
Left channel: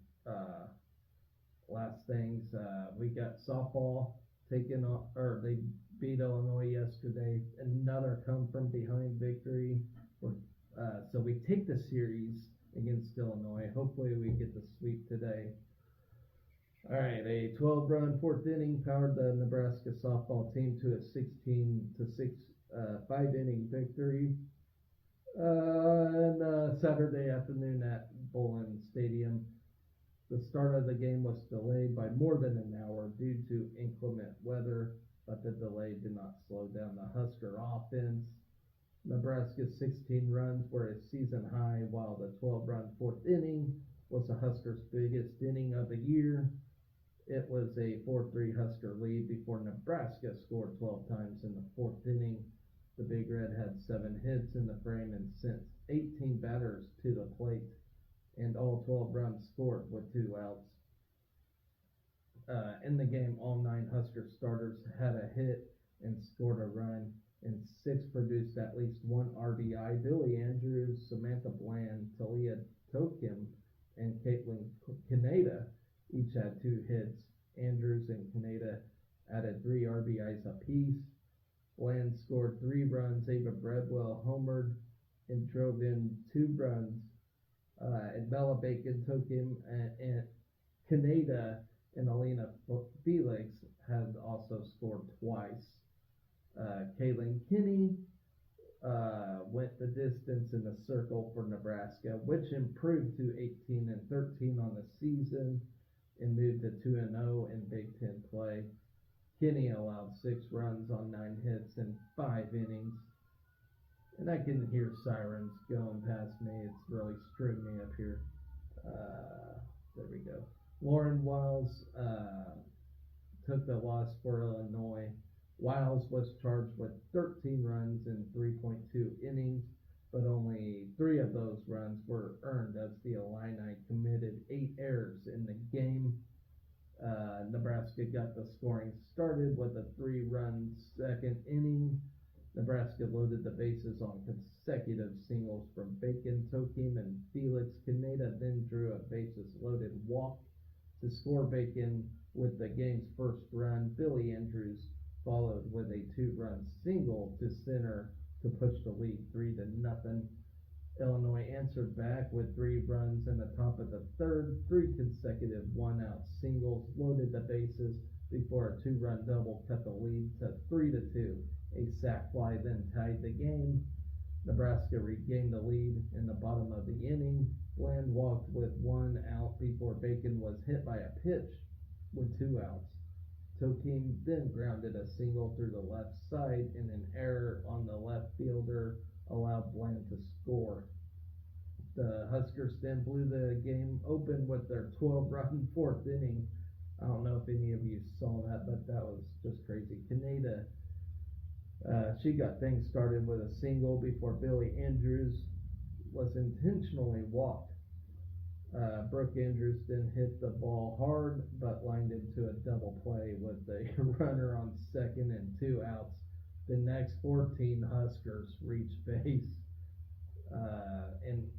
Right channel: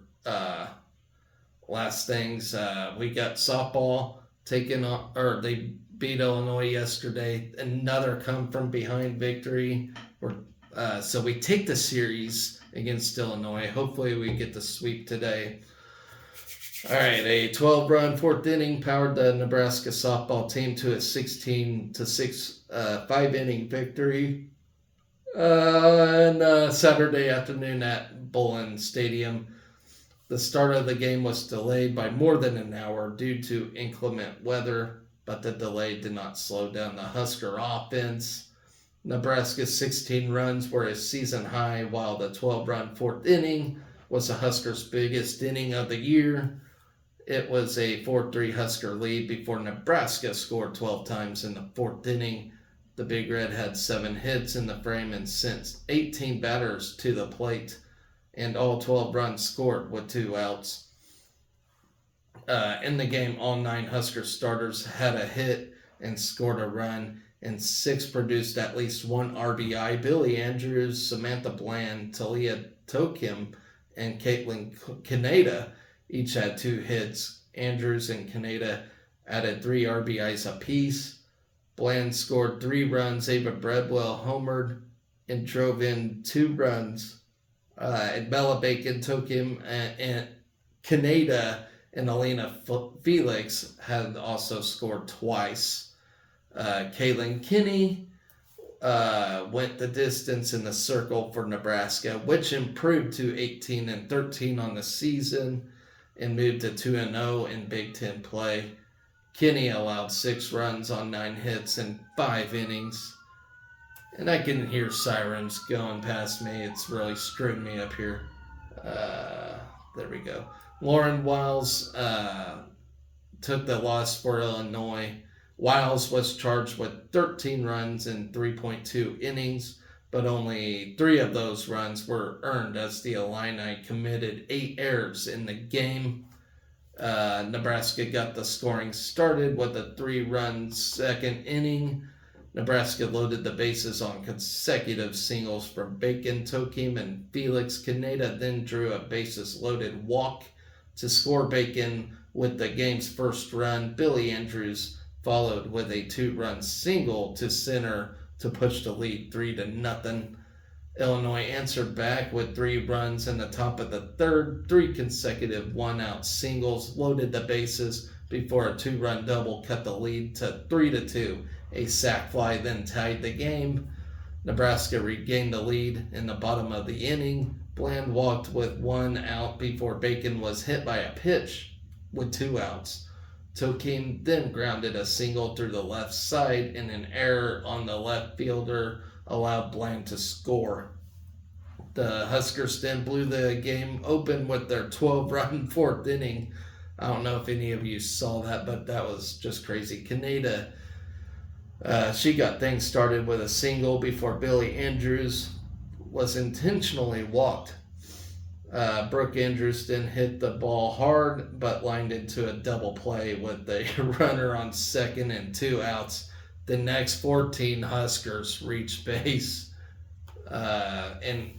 last things. We got softball they beat Illinois yesterday. Another come from behind victory. So we take the series against Illinois. Hopefully we get the sweep today. All right, a 12-run 4th inning powered the Nebraska softball team to a 16-6 5-inning victory on Saturday afternoon at Bullen Stadium. The start of the game was delayed by more than an hour due to inclement weather, but the delay did not slow down the Husker offense. Nebraska's 16 runs were a season high, while the 12-run 4th inning was the Huskers' biggest inning of the year. It was a 4-3 Husker lead before Nebraska scored 12 times in the 4th inning. The Big Red had 7 hits in the frame and sent 18 batters to the plate, and all 12 runs scored with 2 outs. In the game, all 9 Husker starters had a hit and scored a run, and 6 produced at least 1 RBI. Billy Andrews, Samantha Bland, Talia Tokim, and Caitlin Kaneda each had 2 hits. Andrews and Kaneda added 3 RBIs apiece. Bland scored 3 runs. Ava Bradwell homered and drove in 2 runs. And Bella Bacon, Tokim, and Kaneda and Elena Felix had also scored twice. Kaylin Kinney went the distance in the circle for Nebraska, which improved to 18-13 on the season and moved to 2-0 in Big Ten play. Kinney allowed 6 runs on 9 hits in 5 innings. And I can hear sirens going past me. It's really screwing me up here. There we go. Lauren Wiles took the loss for Illinois. Wiles was charged with 13 runs in 3.2 innings, but only 3 of those runs were earned as the Illini committed 8 errors in the game. Nebraska got the scoring started with a 3-run second inning. Nebraska loaded the bases on consecutive singles from Bacon, Tokim, and Felix. Kaneda then drew a bases-loaded walk to score Bacon with the game's first run. Billy Andrews followed with a 2-run single to center to push the lead 3-0. Illinois answered back with 3 runs in the top of the third. 3 consecutive 1-out singles loaded the bases before a 2-run double cut the lead to 3-2. A sac fly then tied the game. Nebraska regained the lead in the bottom of the inning. Bland walked with 1 out before Bacon was hit by a pitch with 2 outs. Tokim then grounded a single through the left side, and an error on the left fielder allowed Bland to score. The Huskers then blew the game open with their 12-run 4th inning. I don't know if any of you saw that, but that was just crazy. Kaneda, she got things started with a single before Billy Andrews was intentionally walked. Brooke Andrews then hit the ball hard, but lined into a double play with a runner on second and 2 outs. The next 14 Huskers reached base. And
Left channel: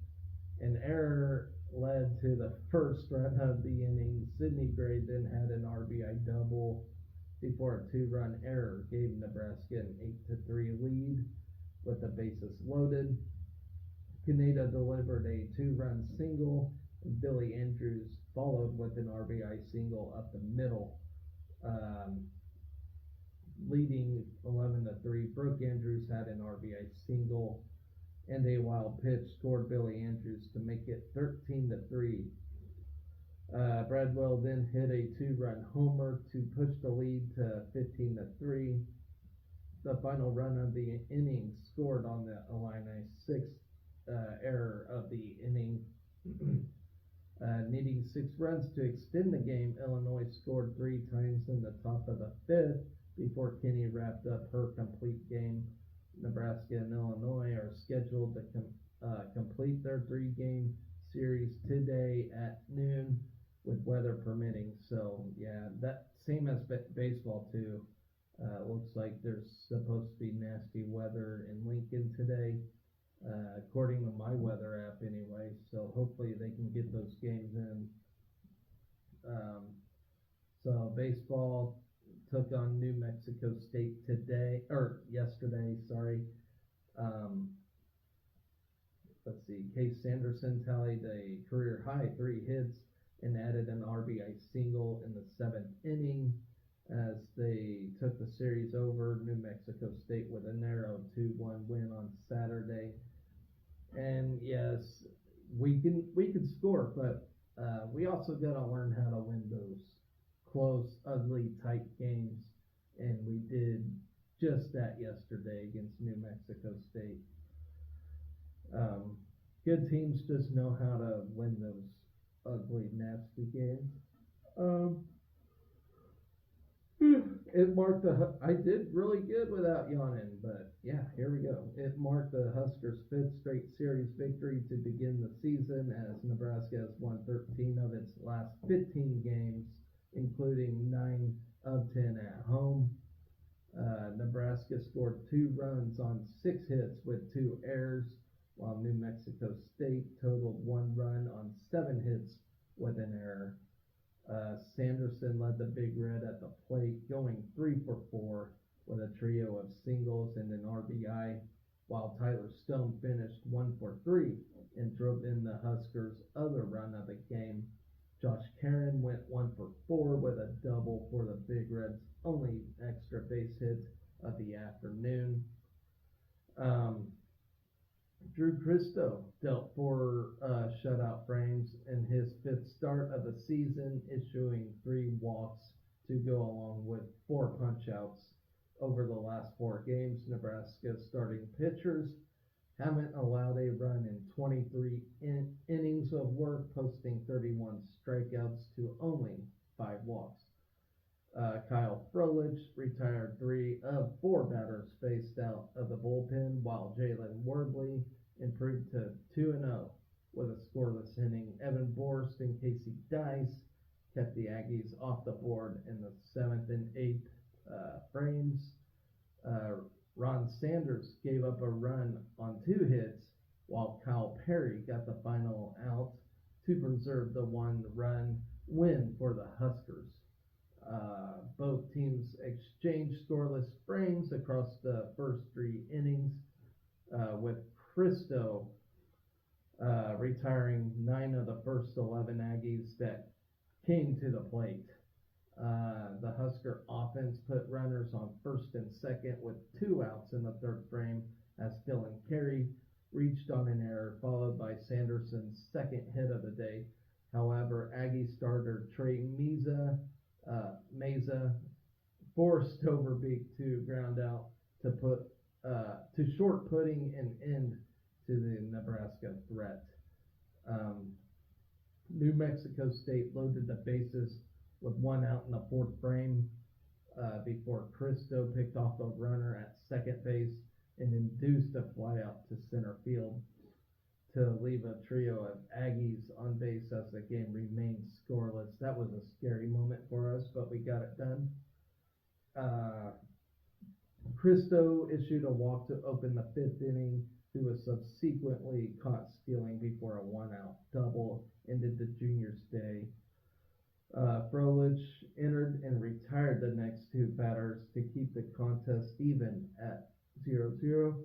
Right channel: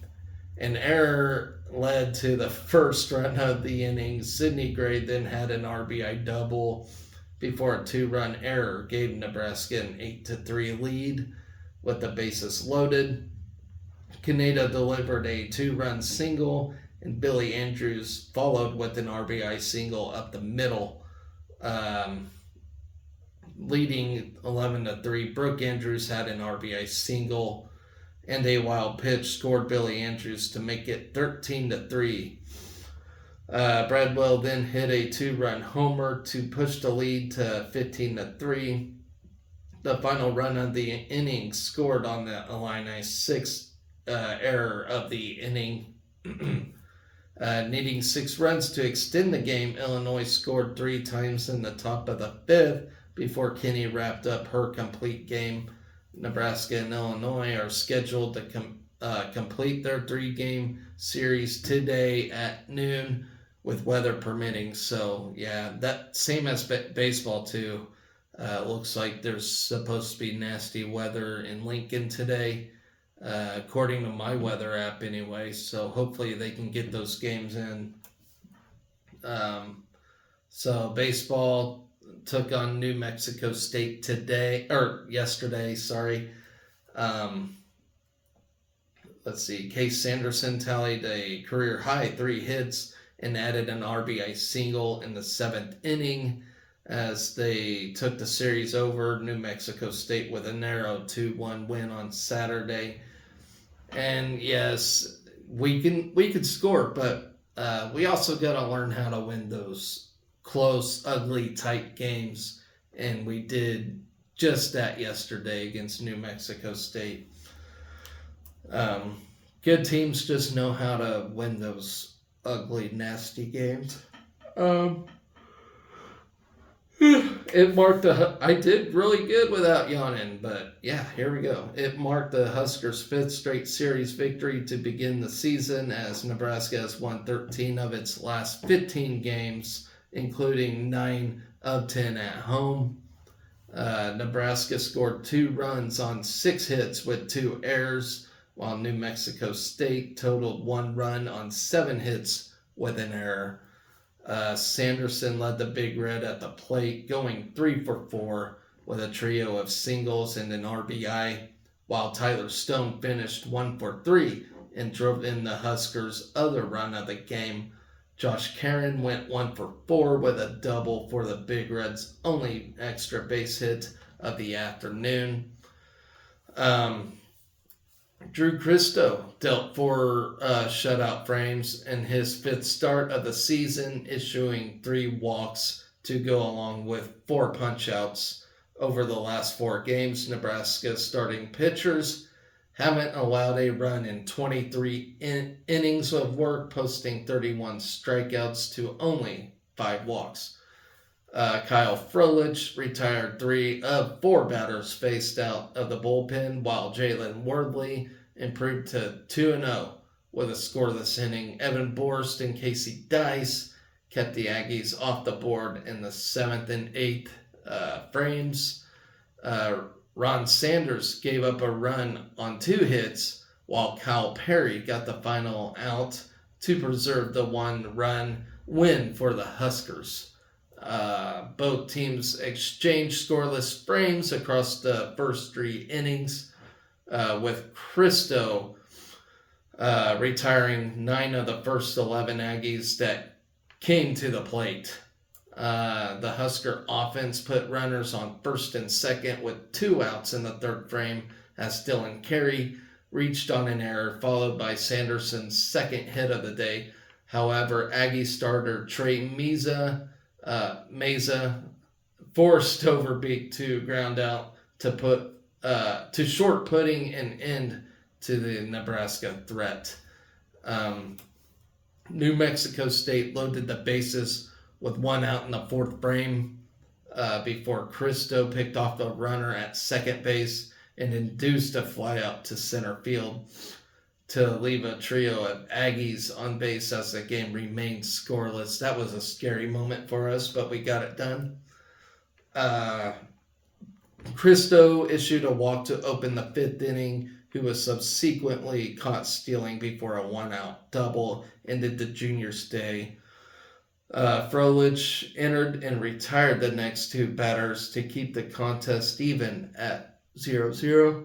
an error led to the first run of the inning. Sidney Gray then had an RBI double before a 2-run error gave Nebraska an 8-3 lead with the bases loaded. Kaneda delivered a 2-run single, and Billy Andrews followed with an RBI single up the middle, leading 11-3. Brooke Andrews had an RBI single, and a wild pitch scored Billy Andrews to make it 13-3. Bradwell then hit a 2-run homer to push the lead to 15-3. The final run of the inning scored on the Illini's 6th error of the inning. Needing 6 runs to extend the game, Illinois scored 3 times in the top of the 5th before Kinney wrapped up her complete game. Nebraska and Illinois are scheduled to complete their 3-game series today at noon, with weather permitting. So yeah, that same as baseball too. Looks like there's supposed to be nasty weather in Lincoln today, according to my weather app anyway. So hopefully they can get those games in. So baseball took on New Mexico State yesterday. Sorry. Let's see. Case Sanderson tallied a career high 3 hits and added an RBI single in the 7th inning as they took the series over New Mexico State with a narrow 2-1 win on Saturday. And yes, we could score, but we also got to learn how to win those close, ugly, tight games, and we did just that yesterday against New Mexico State. Good teams just know how to win those ugly, nasty games. It marked I did really good without yawning, but yeah, here we go. It marked the Huskers' 5th straight series victory to begin the season, as Nebraska has won 13 of its last 15 games including 9 of 10 at home. Nebraska scored 2 runs on 6 hits with 2 errors, while New Mexico State totaled 1 run on 7 hits with an error. Sanderson led the Big Red at the plate, going 3 for 4 with a trio of singles and an RBI, while Tyler Stone finished 1 for 3 and drove in the Huskers' other run of the game. Josh Caron went 1 for 4 with a double for the Big Reds' only extra base hit of the afternoon. Drew Christo dealt 4 shutout frames in his 5th start of the season, issuing 3 walks to go along with 4 punchouts. Over the last 4 games, Nebraska's starting pitchers haven't allowed a run in 23 innings of work, posting 31 strikeouts to only 5 walks. Kyle Froelich retired 3 of 4 batters faced out of the bullpen, while Jalen Wardley improved to 2-0 with a scoreless inning. Evan Borst and Casey Dice kept the Aggies off the board in the 7th and 8th frames. Ron Sanders gave up a run on 2 hits, while Kyle Perry got the final out to preserve the 1-run win for the Huskers. Both teams exchanged scoreless frames across the first 3 innings, with Christo retiring 9 of the first 11 Aggies that came to the plate. The Husker offense put runners on first and second with 2 outs in the 3rd frame as Dylan Carey reached on an error, followed by Sanderson's 2nd hit of the day. However, Aggie starter Trey Meza forced Overbeek to ground out to short putting an end to the Nebraska threat. New Mexico State loaded the bases with 1 out in the 4th frame before Christo picked off the runner at second base and induced a fly out to center field to leave a trio of Aggies on base as the game remained scoreless. That was a scary moment for us, but we got it done. Christo issued a walk to open the 5th inning, who was subsequently caught stealing before a 1-out double ended the junior's day. Froelich entered and retired the next 2 batters to keep the contest even at 0-0.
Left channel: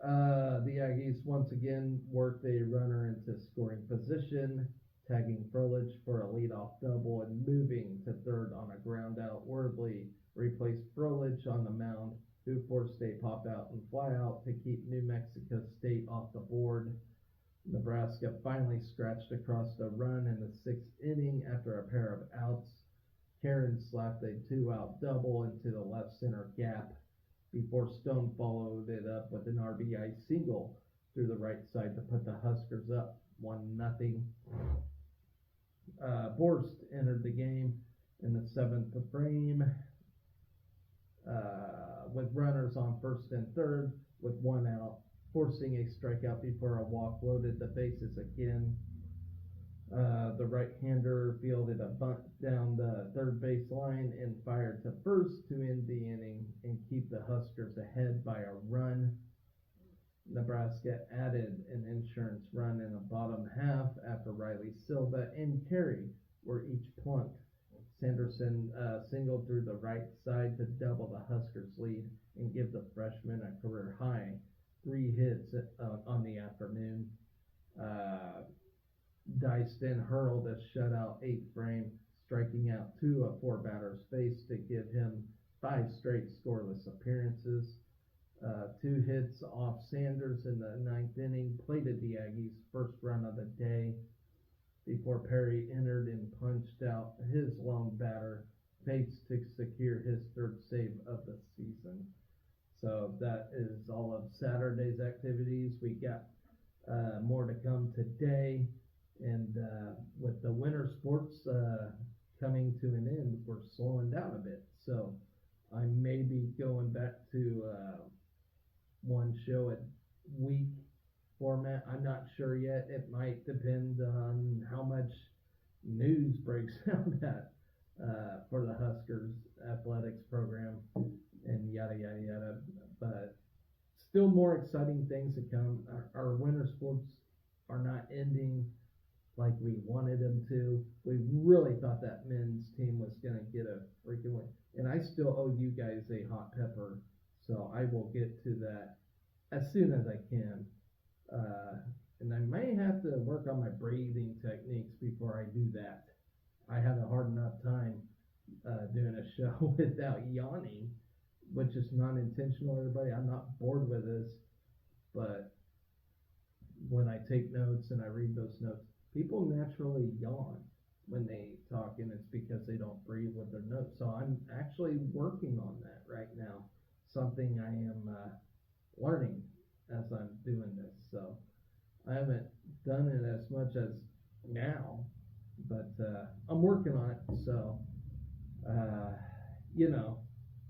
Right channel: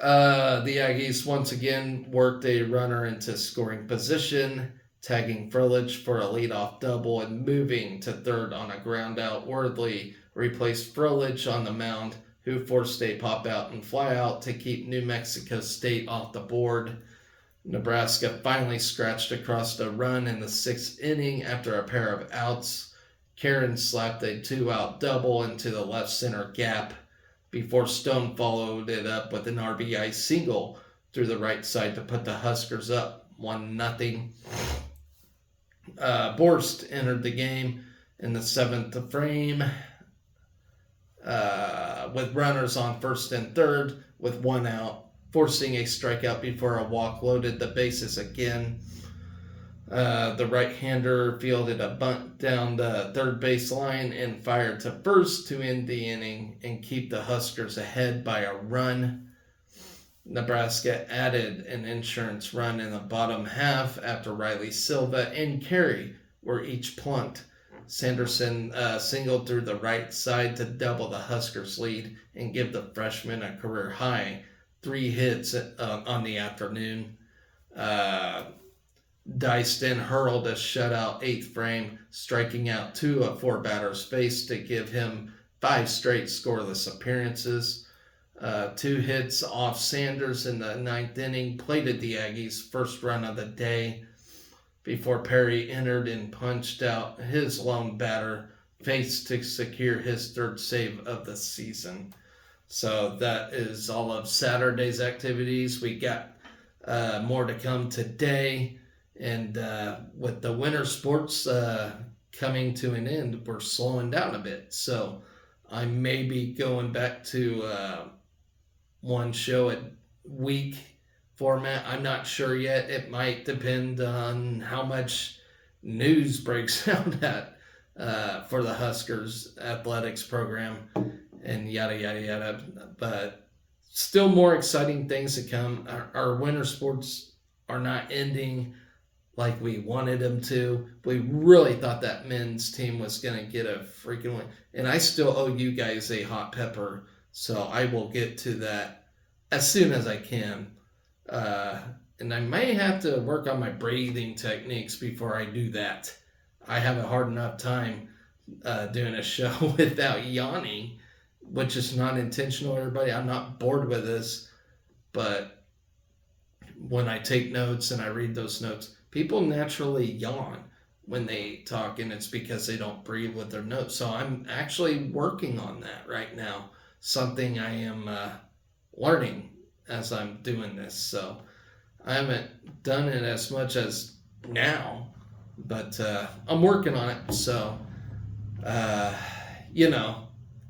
The Aggies once again worked a runner into scoring position, tagging Froelich for a leadoff double and moving to 3rd on a ground out. Wardley replaced Froelich on the mound, who forced a pop out and fly out to keep New Mexico State off the board. Nebraska finally scratched across a run in the 6th inning after a pair of outs. Caron slapped a 2-out double into the left center gap before Stone followed it up with an RBI single through the right side to put the Huskers up 1-0. Borst entered the game in the 7th frame with runners on 1st and 3rd with 1 out, forcing a strikeout before a walk loaded the bases again. The right-hander fielded a bunt down the 3rd base line and fired to 1st to end the inning and keep the Huskers ahead by a run. Nebraska added an insurance run in the bottom half after Riley Silva and Carey were each plunked. Sanderson singled through the right side to double the Huskers' lead and give the freshman a career-high 3 hits on the afternoon. Dice then hurled a shutout 8th frame, striking out 2 of 4 batters faced to give him 5 straight scoreless appearances. 2 hits off Sanders in the 9th inning plated the Aggies' first run of the day before Perry entered and punched out his lone batter faced to secure his 3rd save of the season. So that is all of Saturday's activities. We got more to come today. And with the winter sports coming to an end, we're slowing down a bit. So I may be going back to 1 show a week format. I'm not sure yet. It might depend on how much news breaks out at for the Huskers athletics program and yada yada yada. But still more exciting things to come. Our winter sports are not ending like we wanted them to. We really thought that men's team was going to get a freaking win. And I still owe you guys a hot pepper, so I will get to that as soon as I can. And I may have to work on my breathing techniques before I do that. I have a hard enough time doing a show without yawning, which is not intentional, everybody. I'm not bored with this, but when I take notes and I read those notes, people naturally yawn when they talk, and it's because they don't breathe with their notes. So I'm actually working on that right now, something I am learning as I'm doing this. So I haven't done it as much as now, but I'm working on it. So, you know,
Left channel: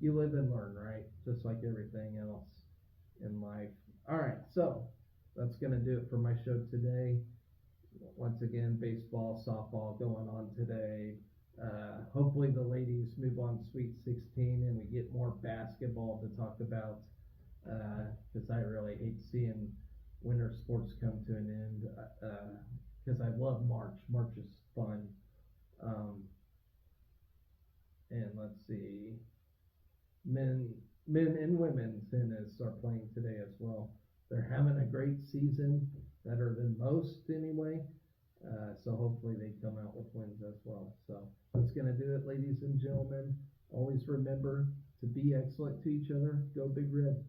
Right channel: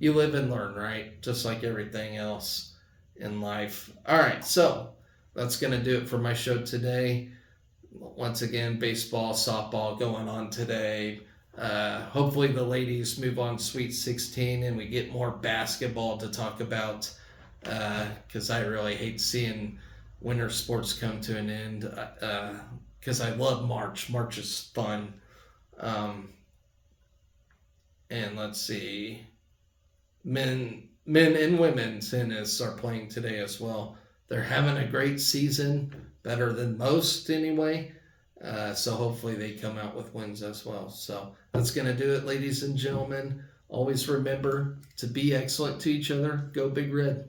you live and learn, right? Just like everything else in life. All right, so that's going to do it for my show today. Once again, baseball, softball going on today. Hopefully the ladies move on Sweet 16 and we get more basketball to talk about, because I really hate seeing winter sports come to an end, because I love March. March is fun. And let's see, men and women tennis are playing today as well. They're having a great season, better than most anyway. So hopefully they come out with wins as well. So that's going to do it, ladies and gentlemen. Always remember to be excellent to each other. Go Big Red.